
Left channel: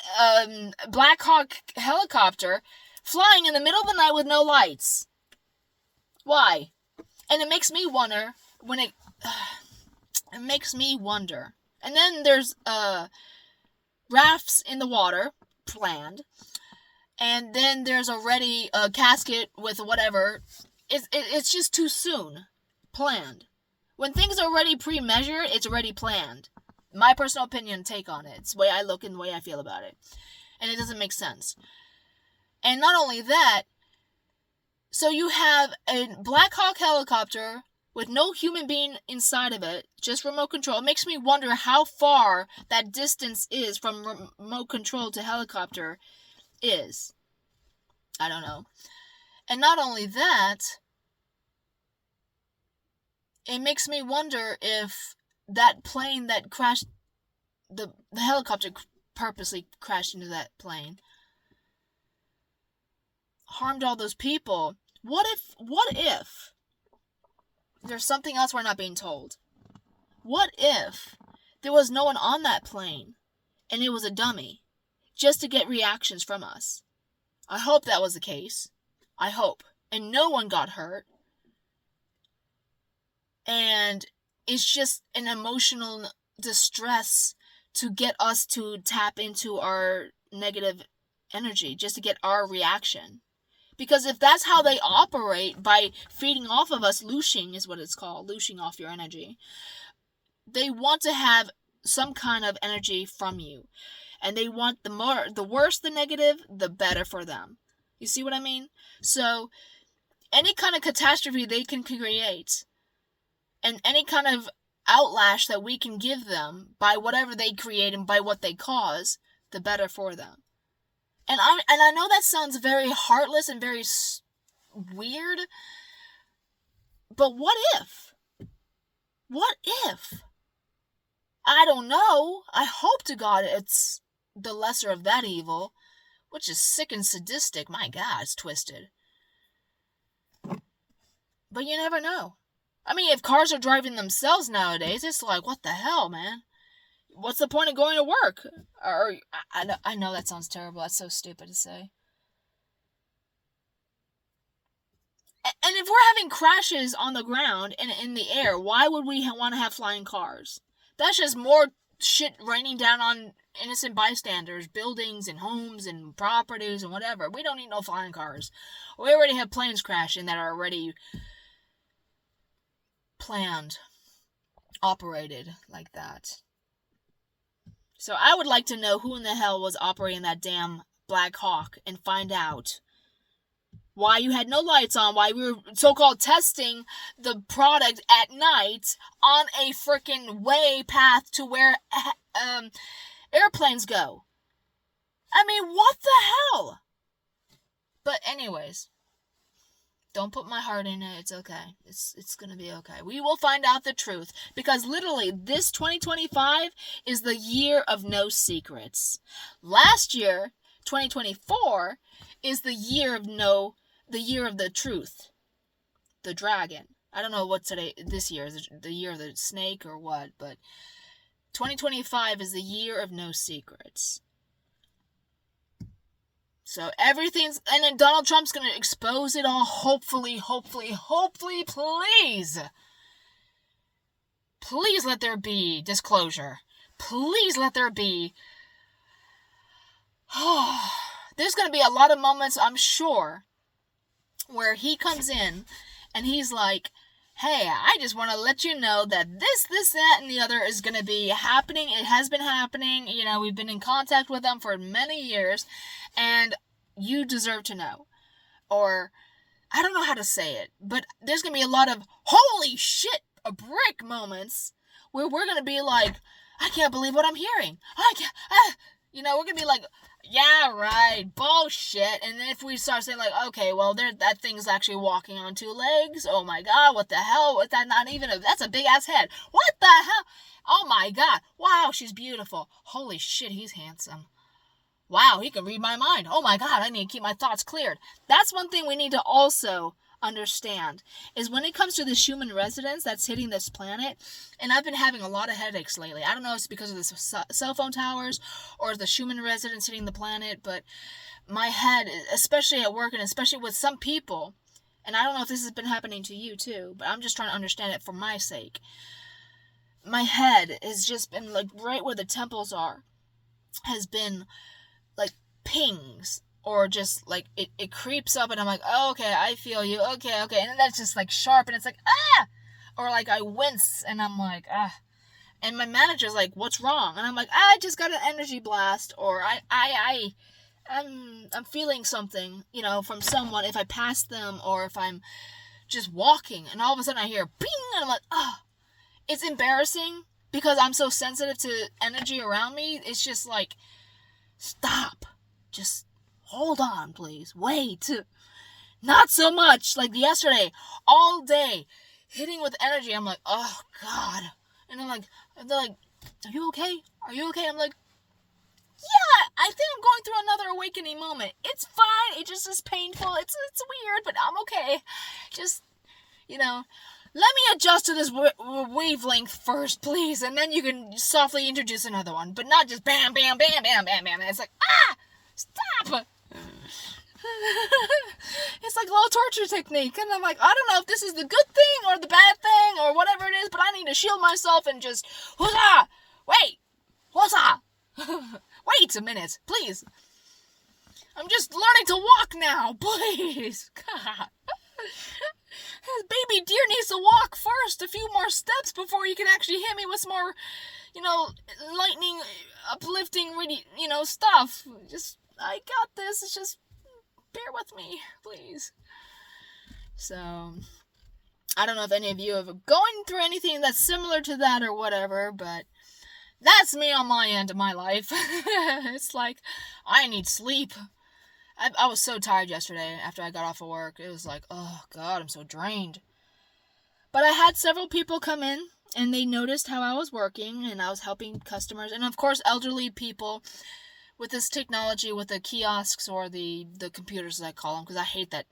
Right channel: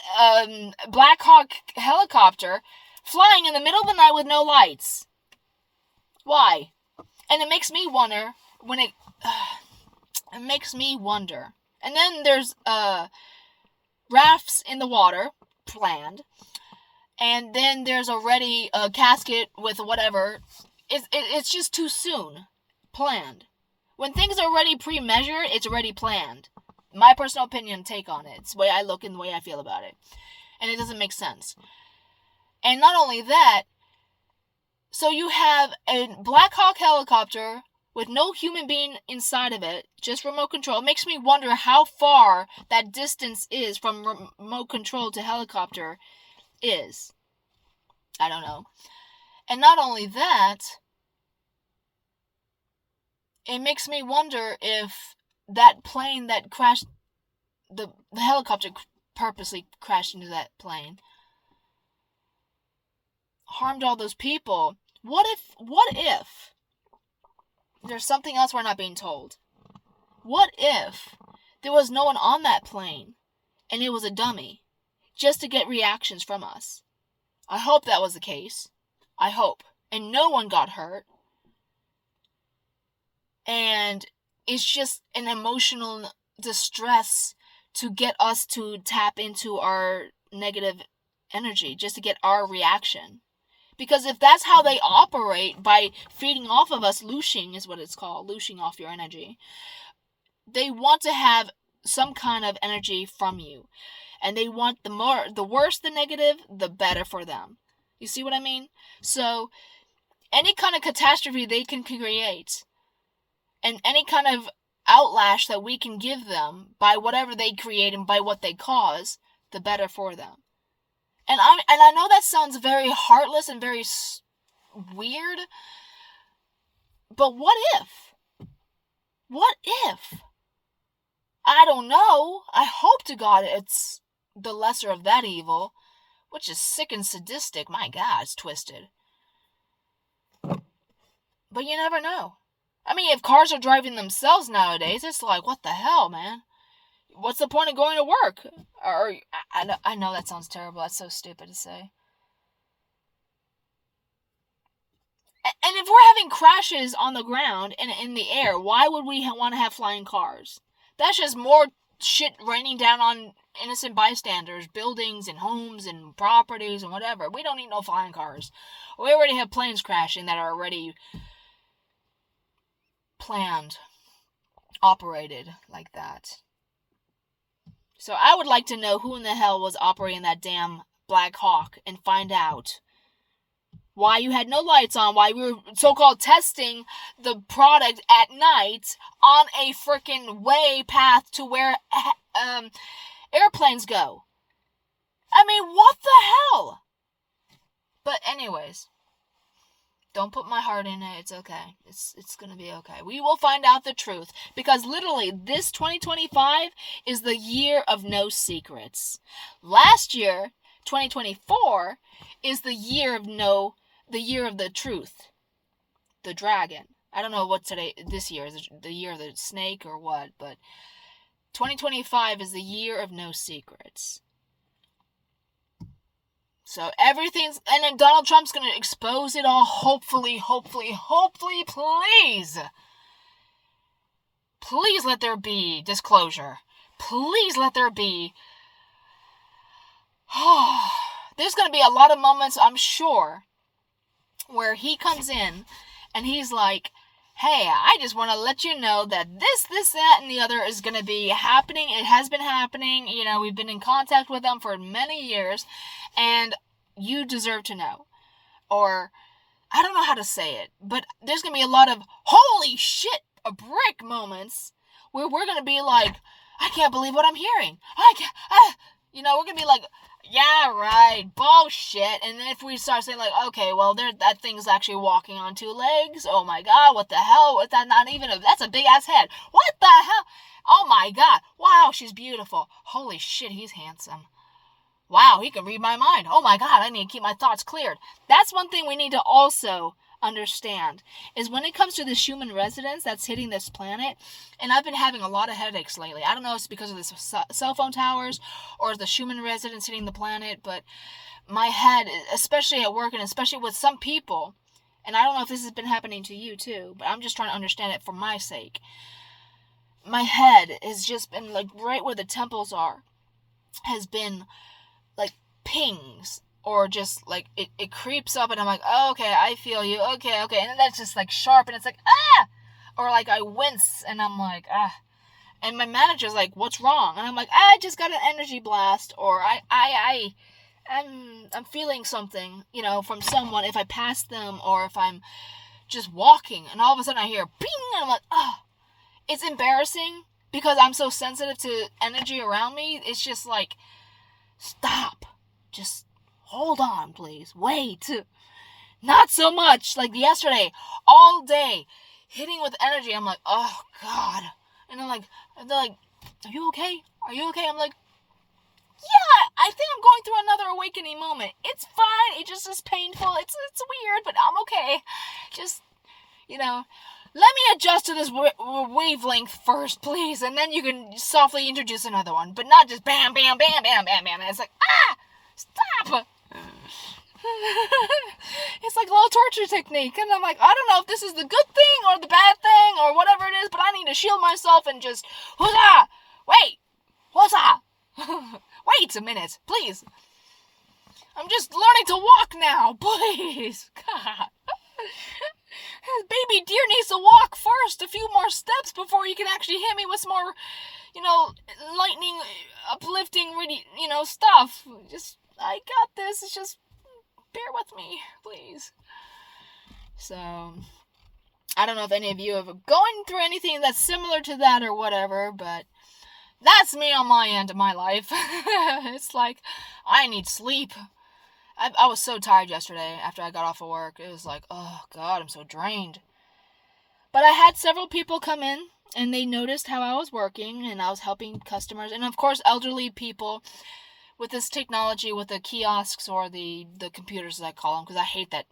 Black Hawk helicopter flying in the middle of the night with no lights. Why? And it makes me wonder it makes me wonder. And then there's rafts in the water planned, and then there's already a casket with whatever. It's just too soon planned. When things are already pre-measured, it's already planned. My personal opinion take on it. It's the way I look and the way I feel about it. And it doesn't make sense. And not only that, so you have a Black Hawk helicopter with no human being inside of it, just remote control. It makes me wonder how far that distance is from remote control to helicopter is. I don't know. And not only that, it makes me wonder if that plane that crashed, the helicopter purposely crashed into that plane, harmed all those people. What if there's something else we're not being told? What if there was no one on that plane and it was a dummy just to get reactions from us? I hope that was the case. I hope. And no one got hurt. And it's just an emotional distress to get us to tap into our negative energy, just to get our reaction. Because if that's how they operate, by feeding off of us, looshing is what it's called, looshing off your energy, they want to have some kind of energy from you. And they want the worse the negative, the better for them. You see what I mean? So, any kind of catastrophe they can create, and any kind of outlash that we can give them by whatever they create and by what they cause, the better for them. And I know that sounds very heartless and very weird, but what if? What if? I don't know. I hope to God it's the lesser of that evil, which is sick and sadistic. My God, it's twisted. But you never know. I mean, if cars are driving themselves nowadays, it's like, what the hell, man? What's the point of going to work? Or I know that sounds terrible. That's so stupid to say. And if we're having crashes on the ground and in the air, why would we want to have flying cars? That's just more shit raining down on innocent bystanders, buildings and homes and properties and whatever. We don't need no flying cars. We already have planes crashing that are already planned, operated like that. So I would like to know who in the hell was operating that damn Black Hawk and find out why you had no lights on, why we were so-called testing the product at night on a freaking way path to where airplanes go. I mean, what the hell? But anyways, don't put my heart in it. It's okay. It's going to be okay. We will find out the truth, because literally this 2025 is the year of no secrets. Last year, 2024, is the year of the truth. The dragon. I don't know what this year is, the year of the snake or what, but 2025 is the year of no secrets. So everything's, and then Donald Trump's going to expose it all, hopefully, please. Please let there be disclosure. Please let there be. There's going to be a lot of moments, I'm sure, where he comes in and he's like, hey, I just want to let you know that this, that, and the other is going to be happening. It has been happening. You know, we've been in contact with them for many years, and you deserve to know. Or, I don't know how to say it, but there's going to be a lot of, holy shit, a brick moments where we're going to be like, I can't believe what I'm hearing. We're going to be like, yeah, right, bullshit. And then if we start saying like, okay, well, that thing's actually walking on two legs. Oh my God, what the hell? What's that? That's a big ass head. What the hell? Oh my God. Wow, she's beautiful. Holy shit, he's handsome. Wow, he can read my mind. Oh my God, I need to keep my thoughts cleared. That's one thing we need to also understand, is when it comes to this human residence that's hitting this planet, and I've been having a lot of headaches lately. I don't know if it's because of the cell phone towers or the human residence hitting the planet, but my head, especially at work and especially with some people, and I don't know if this has been happening to you too, but I'm just trying to understand it for my sake. My head has just been like right where the temples are, has been like pings. Or just like it creeps up and I'm like, oh, okay, I feel you. Okay. And then that's just like sharp and it's like, ah! Or like I wince and I'm like, ah. And my manager's like, what's wrong? And I'm like, I just got an energy blast. Or I'm feeling something, from someone if I pass them or if I'm just walking. And all of a sudden I hear ping and I'm like, oh. It's embarrassing because I'm so sensitive to energy around me. It's just like, stop. Just hold on, please. Wait. Not so much. Like yesterday, all day, hitting with energy. I'm like, oh, God. And they're like, are you okay? Are you okay? I'm like, yeah, I think I'm going through another awakening moment. It's fine. It just is painful. It's weird, but I'm okay. Just, let me adjust to this wavelength first, please. And then you can softly introduce another one. But not just bam, bam, bam, bam, bam, bam. And it's like, stop. It's like a little torture technique. And I'm like, I don't know if this is the good thing or the bad thing or whatever it is, but I need to shield myself and just, huzzah! Wait! Huzzah! Wait a minute, please. I'm just learning to walk now, please. God. Baby deer needs to walk first, a few more steps before you can actually hit me with some more, lightning, uplifting, really, stuff. Just, I got this. It's just, bear with me, please. So, I don't know if any of you are going through anything that's similar to that or whatever, but that's me on my end of my life. It's like, I need sleep. I was so tired yesterday after I got off of work. It was like, oh, God, I'm so drained. But I had several people come in And they noticed how I was working and I was helping customers. And of course, elderly people with this technology, with the kiosks or the computers, as I call them, because I hate that.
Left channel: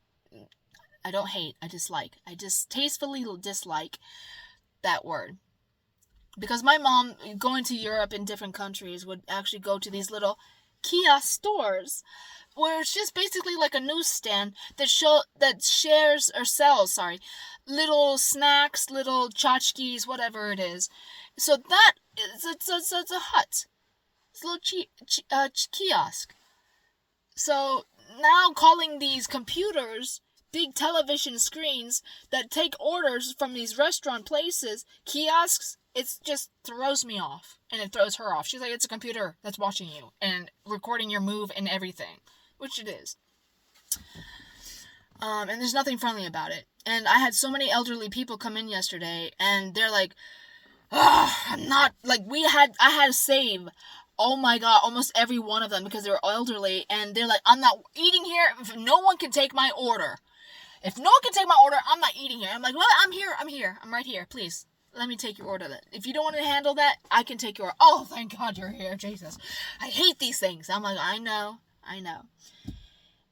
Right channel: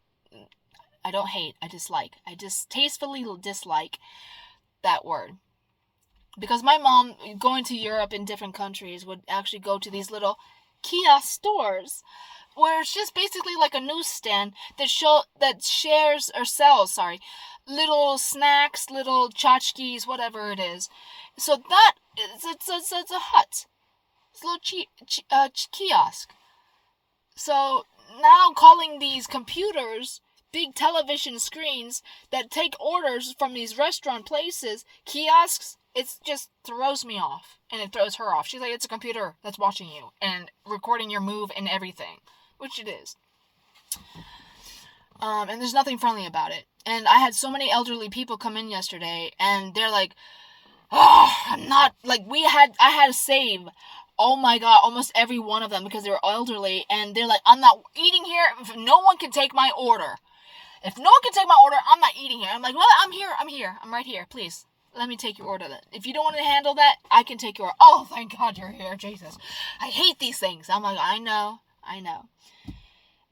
I don't hate, I dislike. I just tastefully dislike that word. Because my mom, going to Europe in different countries, would actually go to these little kiosk stores where it's just basically like a newsstand that shares or sells, little snacks, little tchotchkes, whatever it is. So that it's a hut. It's a little kiosk. So now calling these computers big television screens that take orders from these restaurant places kiosks, it just throws me off, and it throws her off. She's like, it's a computer that's watching you and recording your move and everything, which it is. And there's nothing friendly about it. And I had so many elderly people come in yesterday, and they're like, I'm not, like, I had to save, oh my god, almost every one of them because they were elderly, and they're like, I'm not eating here if no one can take my order. If no one can take my order, I'm not eating here. I'm like, well, I'm here. I'm right here. Please, let me take your order then. If you don't want to handle that, I can take your order. Oh, thank God you're here, Jesus. I hate these things. I'm like, I know.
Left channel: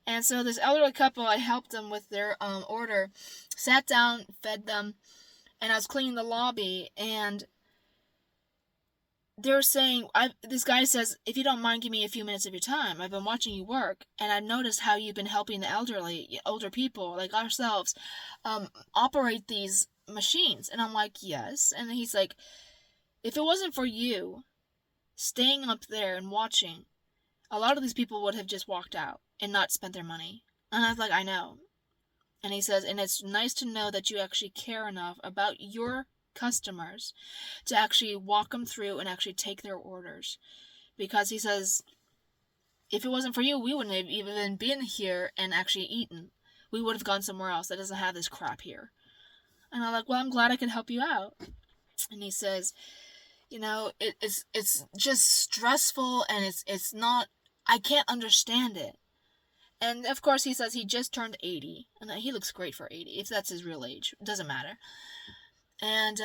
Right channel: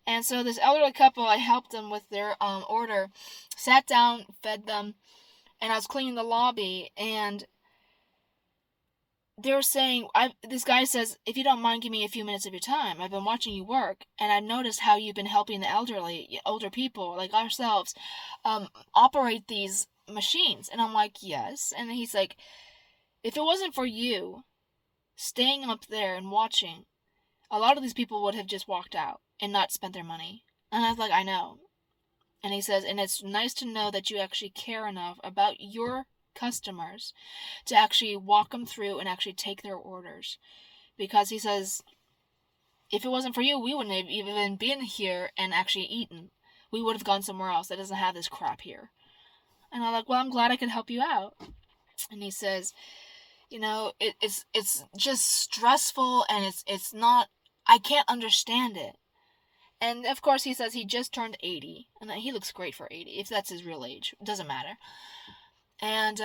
And so this elderly couple, I helped them with their order, sat down, fed them, and I was cleaning the lobby, and they're saying, this guy says, if you don't mind, give me a few minutes of your time. I've been watching you work, and I've noticed how you've been helping the older people like ourselves, operate these machines. And I'm like, yes. And he's like, if it wasn't for you staying up there and watching, a lot of these people would have just walked out and not spent their money. And I was like, I know. And he says, and it's nice to know that you actually care enough about your customers to actually walk them through and actually take their orders. Because he says, if it wasn't for you, we wouldn't have even been here and actually eaten. We would have gone somewhere else that doesn't have this crap here. And I'm like, well, I'm glad I could help you out. And he says, it's just stressful, and it's not, I can't understand it. And of course he says he just turned 80, and that he looks great for 80, if that's his real age. It doesn't matter. And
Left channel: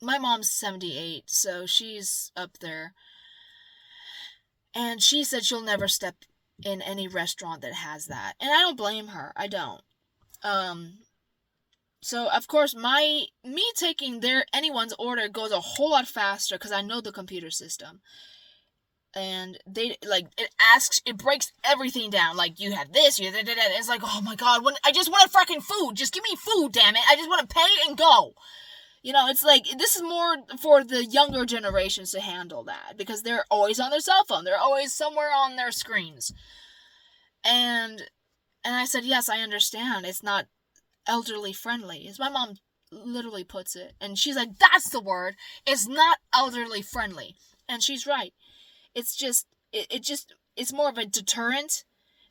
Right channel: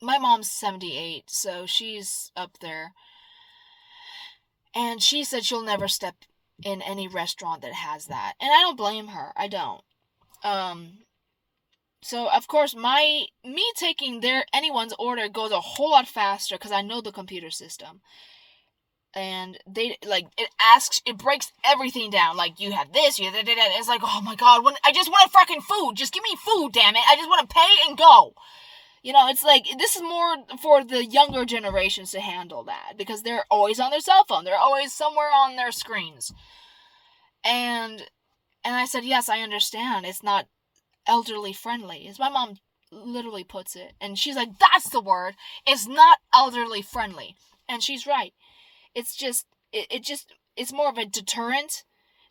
my mom's 78, so she's up there. And she said she'll never step in any restaurant that has that. And I don't blame her. I don't. So of course me taking anyone's order goes a whole lot faster because I know the computer system. And it breaks everything down. Like, you have this, you have that. It's like, oh my god, I just want fucking food. Just give me food, damn it. I just want to pay and go. It's like, this is more for the younger generations to handle that, because they're always on their cell phone. They're always somewhere on their screens. And I said, yes, I understand. It's not elderly friendly, as my mom literally puts it. And she's like, that's the word. It's not elderly friendly. And she's right. It's just, it's more of a deterrent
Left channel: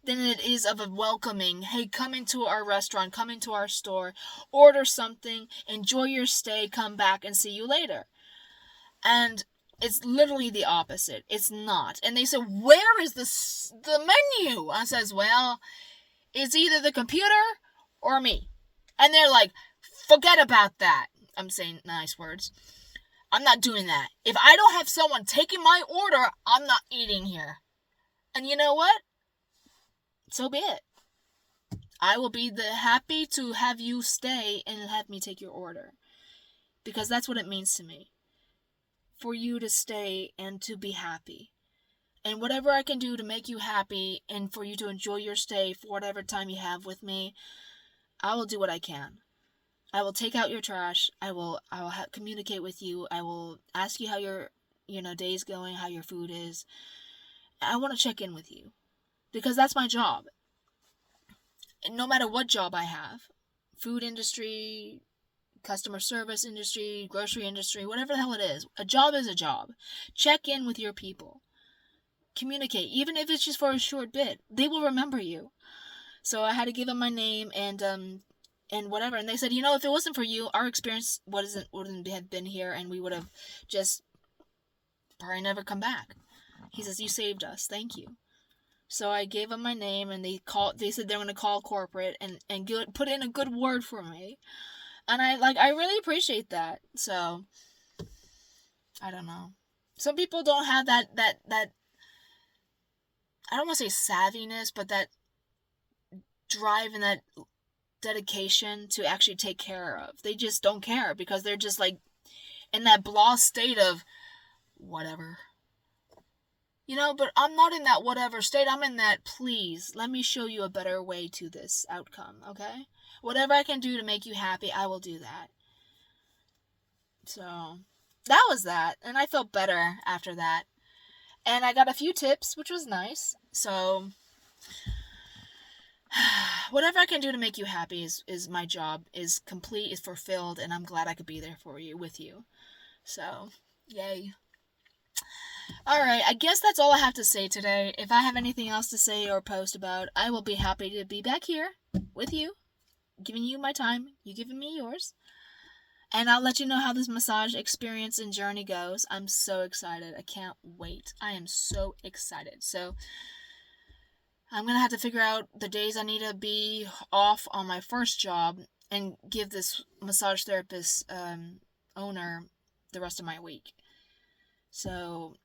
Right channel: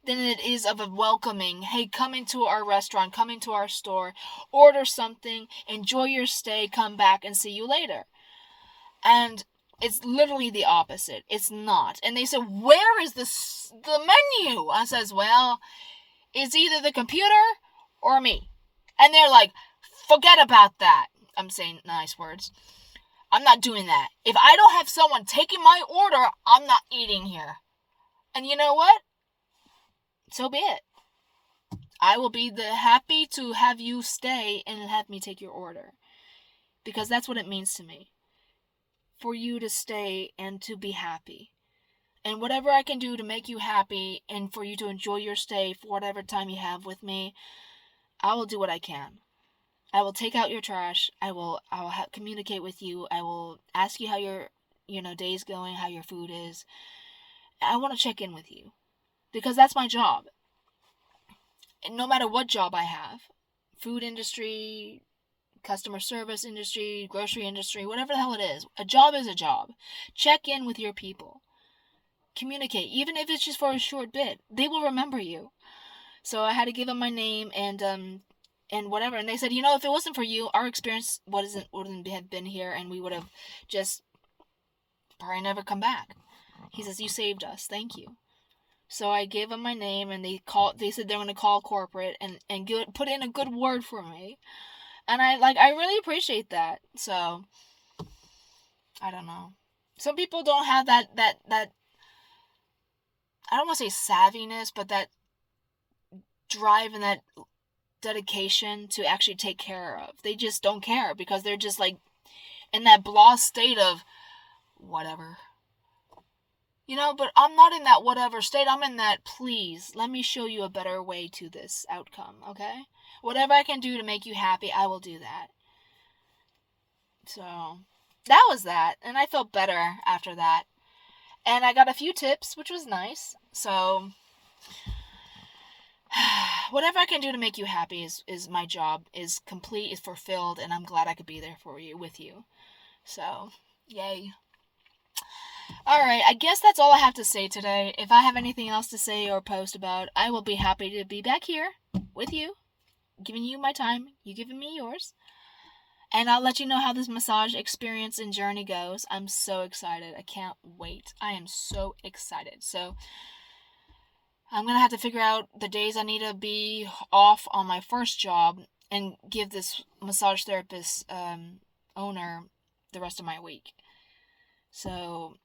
than it is of a welcoming. Hey, come into our restaurant, come into our store, order something, enjoy your stay, come back and see you later. And it's literally the opposite. It's not. And they said, where is the menu? I says, well, it's either the computer or me. And they're like, forget about that. I'm saying nice words. I'm not doing that. If I don't have someone taking my order, I'm not eating here. And you know what? So be it. I will be happy to have you stay and have me take your order. Because that's what it means to me. For you to stay and to be happy. And whatever I can do to make you happy and for you to enjoy your stay for whatever time you have with me, I will do what I can. I will take out your trash. I will communicate with you. I will ask you how your day's going, how your food is. I want to check in with you, because that's my job. And no matter what job I have, food industry, customer service industry, grocery industry, whatever the hell it is, a job is a job. Check in with your people. Communicate, even if it's just for a short bit. They will remember you. So I had to give them my name and whatever. And they said, if it wasn't for you, our experience wouldn't have been here, and we would have just probably never come back. He says, you saved us. Thank you. So I gave them my name, and they said they're going to call corporate and put in a good word for me. And I really appreciate that. So, I don't know. Some people don't have that I don't want to say savviness, but that drive and that dedication to actually take care of. They just don't care because they're just like in that blah state of whatever. But I'm not in that whatever state. I'm in that, please, let me show you a better way to this outcome, okay? Whatever I can do to make you happy, I will do that. So, that was that. And I felt better after that. And I got a few tips, which was nice. So, whatever I can do to make you happy is my job, is complete, is fulfilled, and I'm glad I could be there for you, with you. So, yay. Alright, I guess that's all I have to say today. If I have anything else to say or post about, I will be happy to be back here with you, giving you my time, you giving me yours. And I'll let you know how this massage experience and journey goes. I'm so excited. I can't wait. I am so excited. So, I'm going to have to figure out the days I need to be off on my first job and give this massage therapist owner the rest of my week. So,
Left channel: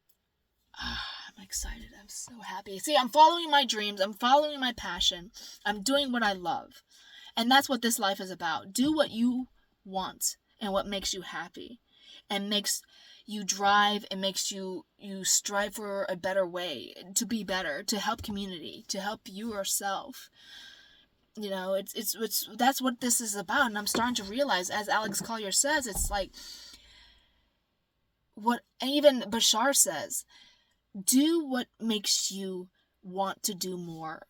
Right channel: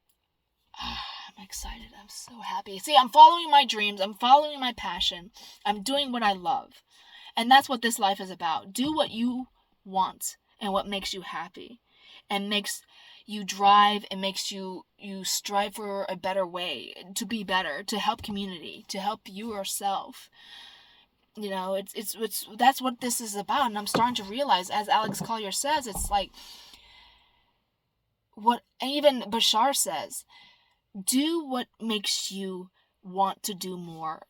I'm excited. I'm so happy. See, I'm following my dreams. I'm following my passion. I'm doing what I love. And that's what this life is about. Do what you want and what makes you happy. And makes you drive and makes you strive for a better way, to be better, to help community, to help you yourself. It's that's what this is about. And I'm starting to realize, as Alex Collier says, it's like what even Bashar says. Do what makes you want to do more,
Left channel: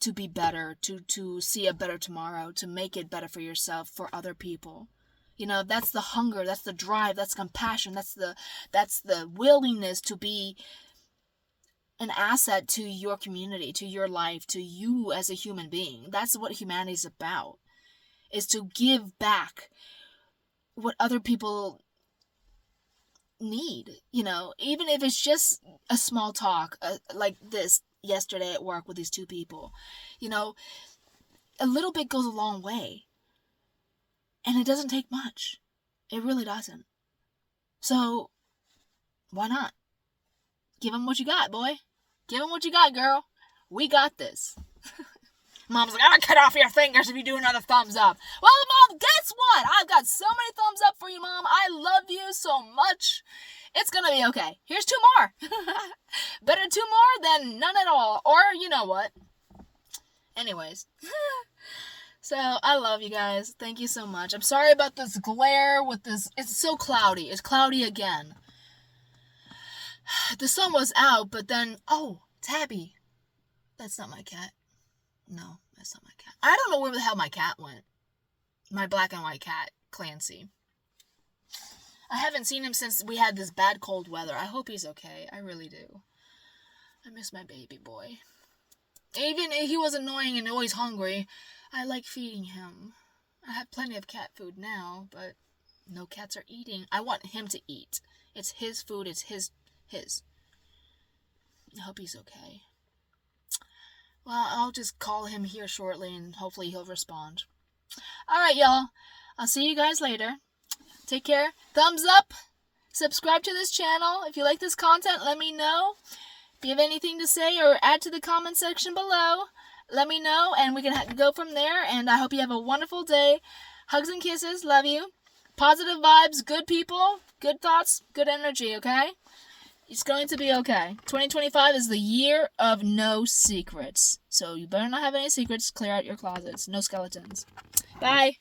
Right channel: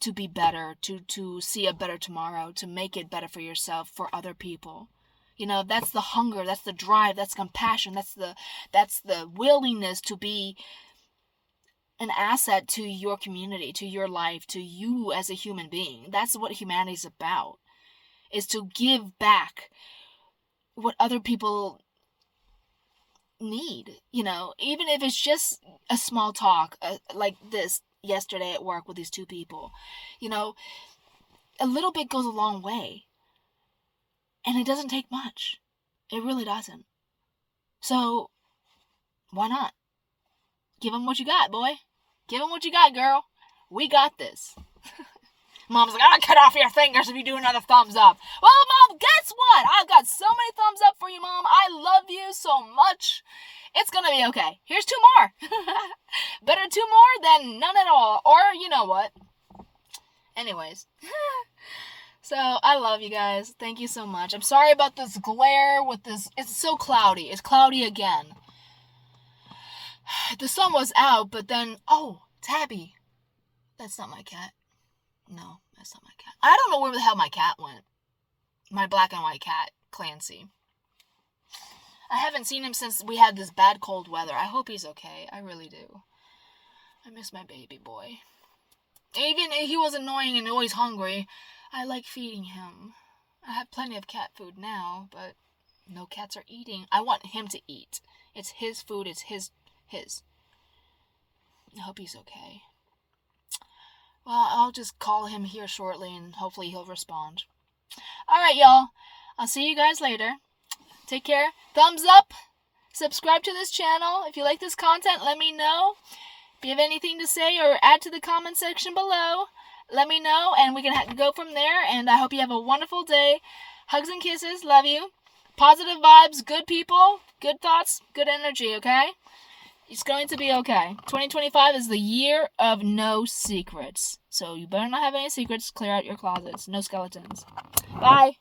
to be better, to see a better tomorrow, to make it better for yourself, for other people. That's the hunger, that's the drive, that's compassion, that's the willingness to be an asset to your community, to your life, to you as a human being. That's what humanity is about, is to give back what other people need, even if it's just a small talk, like this yesterday at work with these two people. A little bit goes a long way. And it doesn't take much. It really doesn't. So, why not? Give them what you got, boy. Give them what you got, girl. We got this. Mom's like, I'm going to cut off your fingers if you do another thumbs up. Well, Mom, guess what? I've got so many thumbs up for you, Mom. I love you so much. It's going to be okay. Here's 2 more. Better 2 more than none at all. Or, you know what? Anyways. So, I love you guys. Thank you so much. I'm sorry about this glare with this. It's so cloudy. It's cloudy again. The sun was out, but then, Tabby. That's not my cat. No, that's not my cat. I don't know where the hell my cat went. My black and white cat, Clancy. I haven't seen him since we had this bad cold weather. I hope he's okay. I really do. I miss my baby boy. Even if he was annoying and always hungry, I like feeding him. I have plenty of cat food now, but no cats are eating. I want him to eat. It's his food. It's his. I hope he's okay. Well, I'll just call him here shortly and hopefully he'll respond. Alright, y'all. I'll see you guys later. Take care. Thumbs up. Subscribe to this channel. If you like this content, let me know. If you have anything to say or add to the comment section below, let me know and we can go from there. And I hope you have a wonderful day. Hugs and kisses. Love you. Positive vibes. Good people. Good thoughts. Good energy, okay? It's going to be okay. 2025 is the year of no secrets. So you better not have any secrets. Clear out your closets. No skeletons. Bye.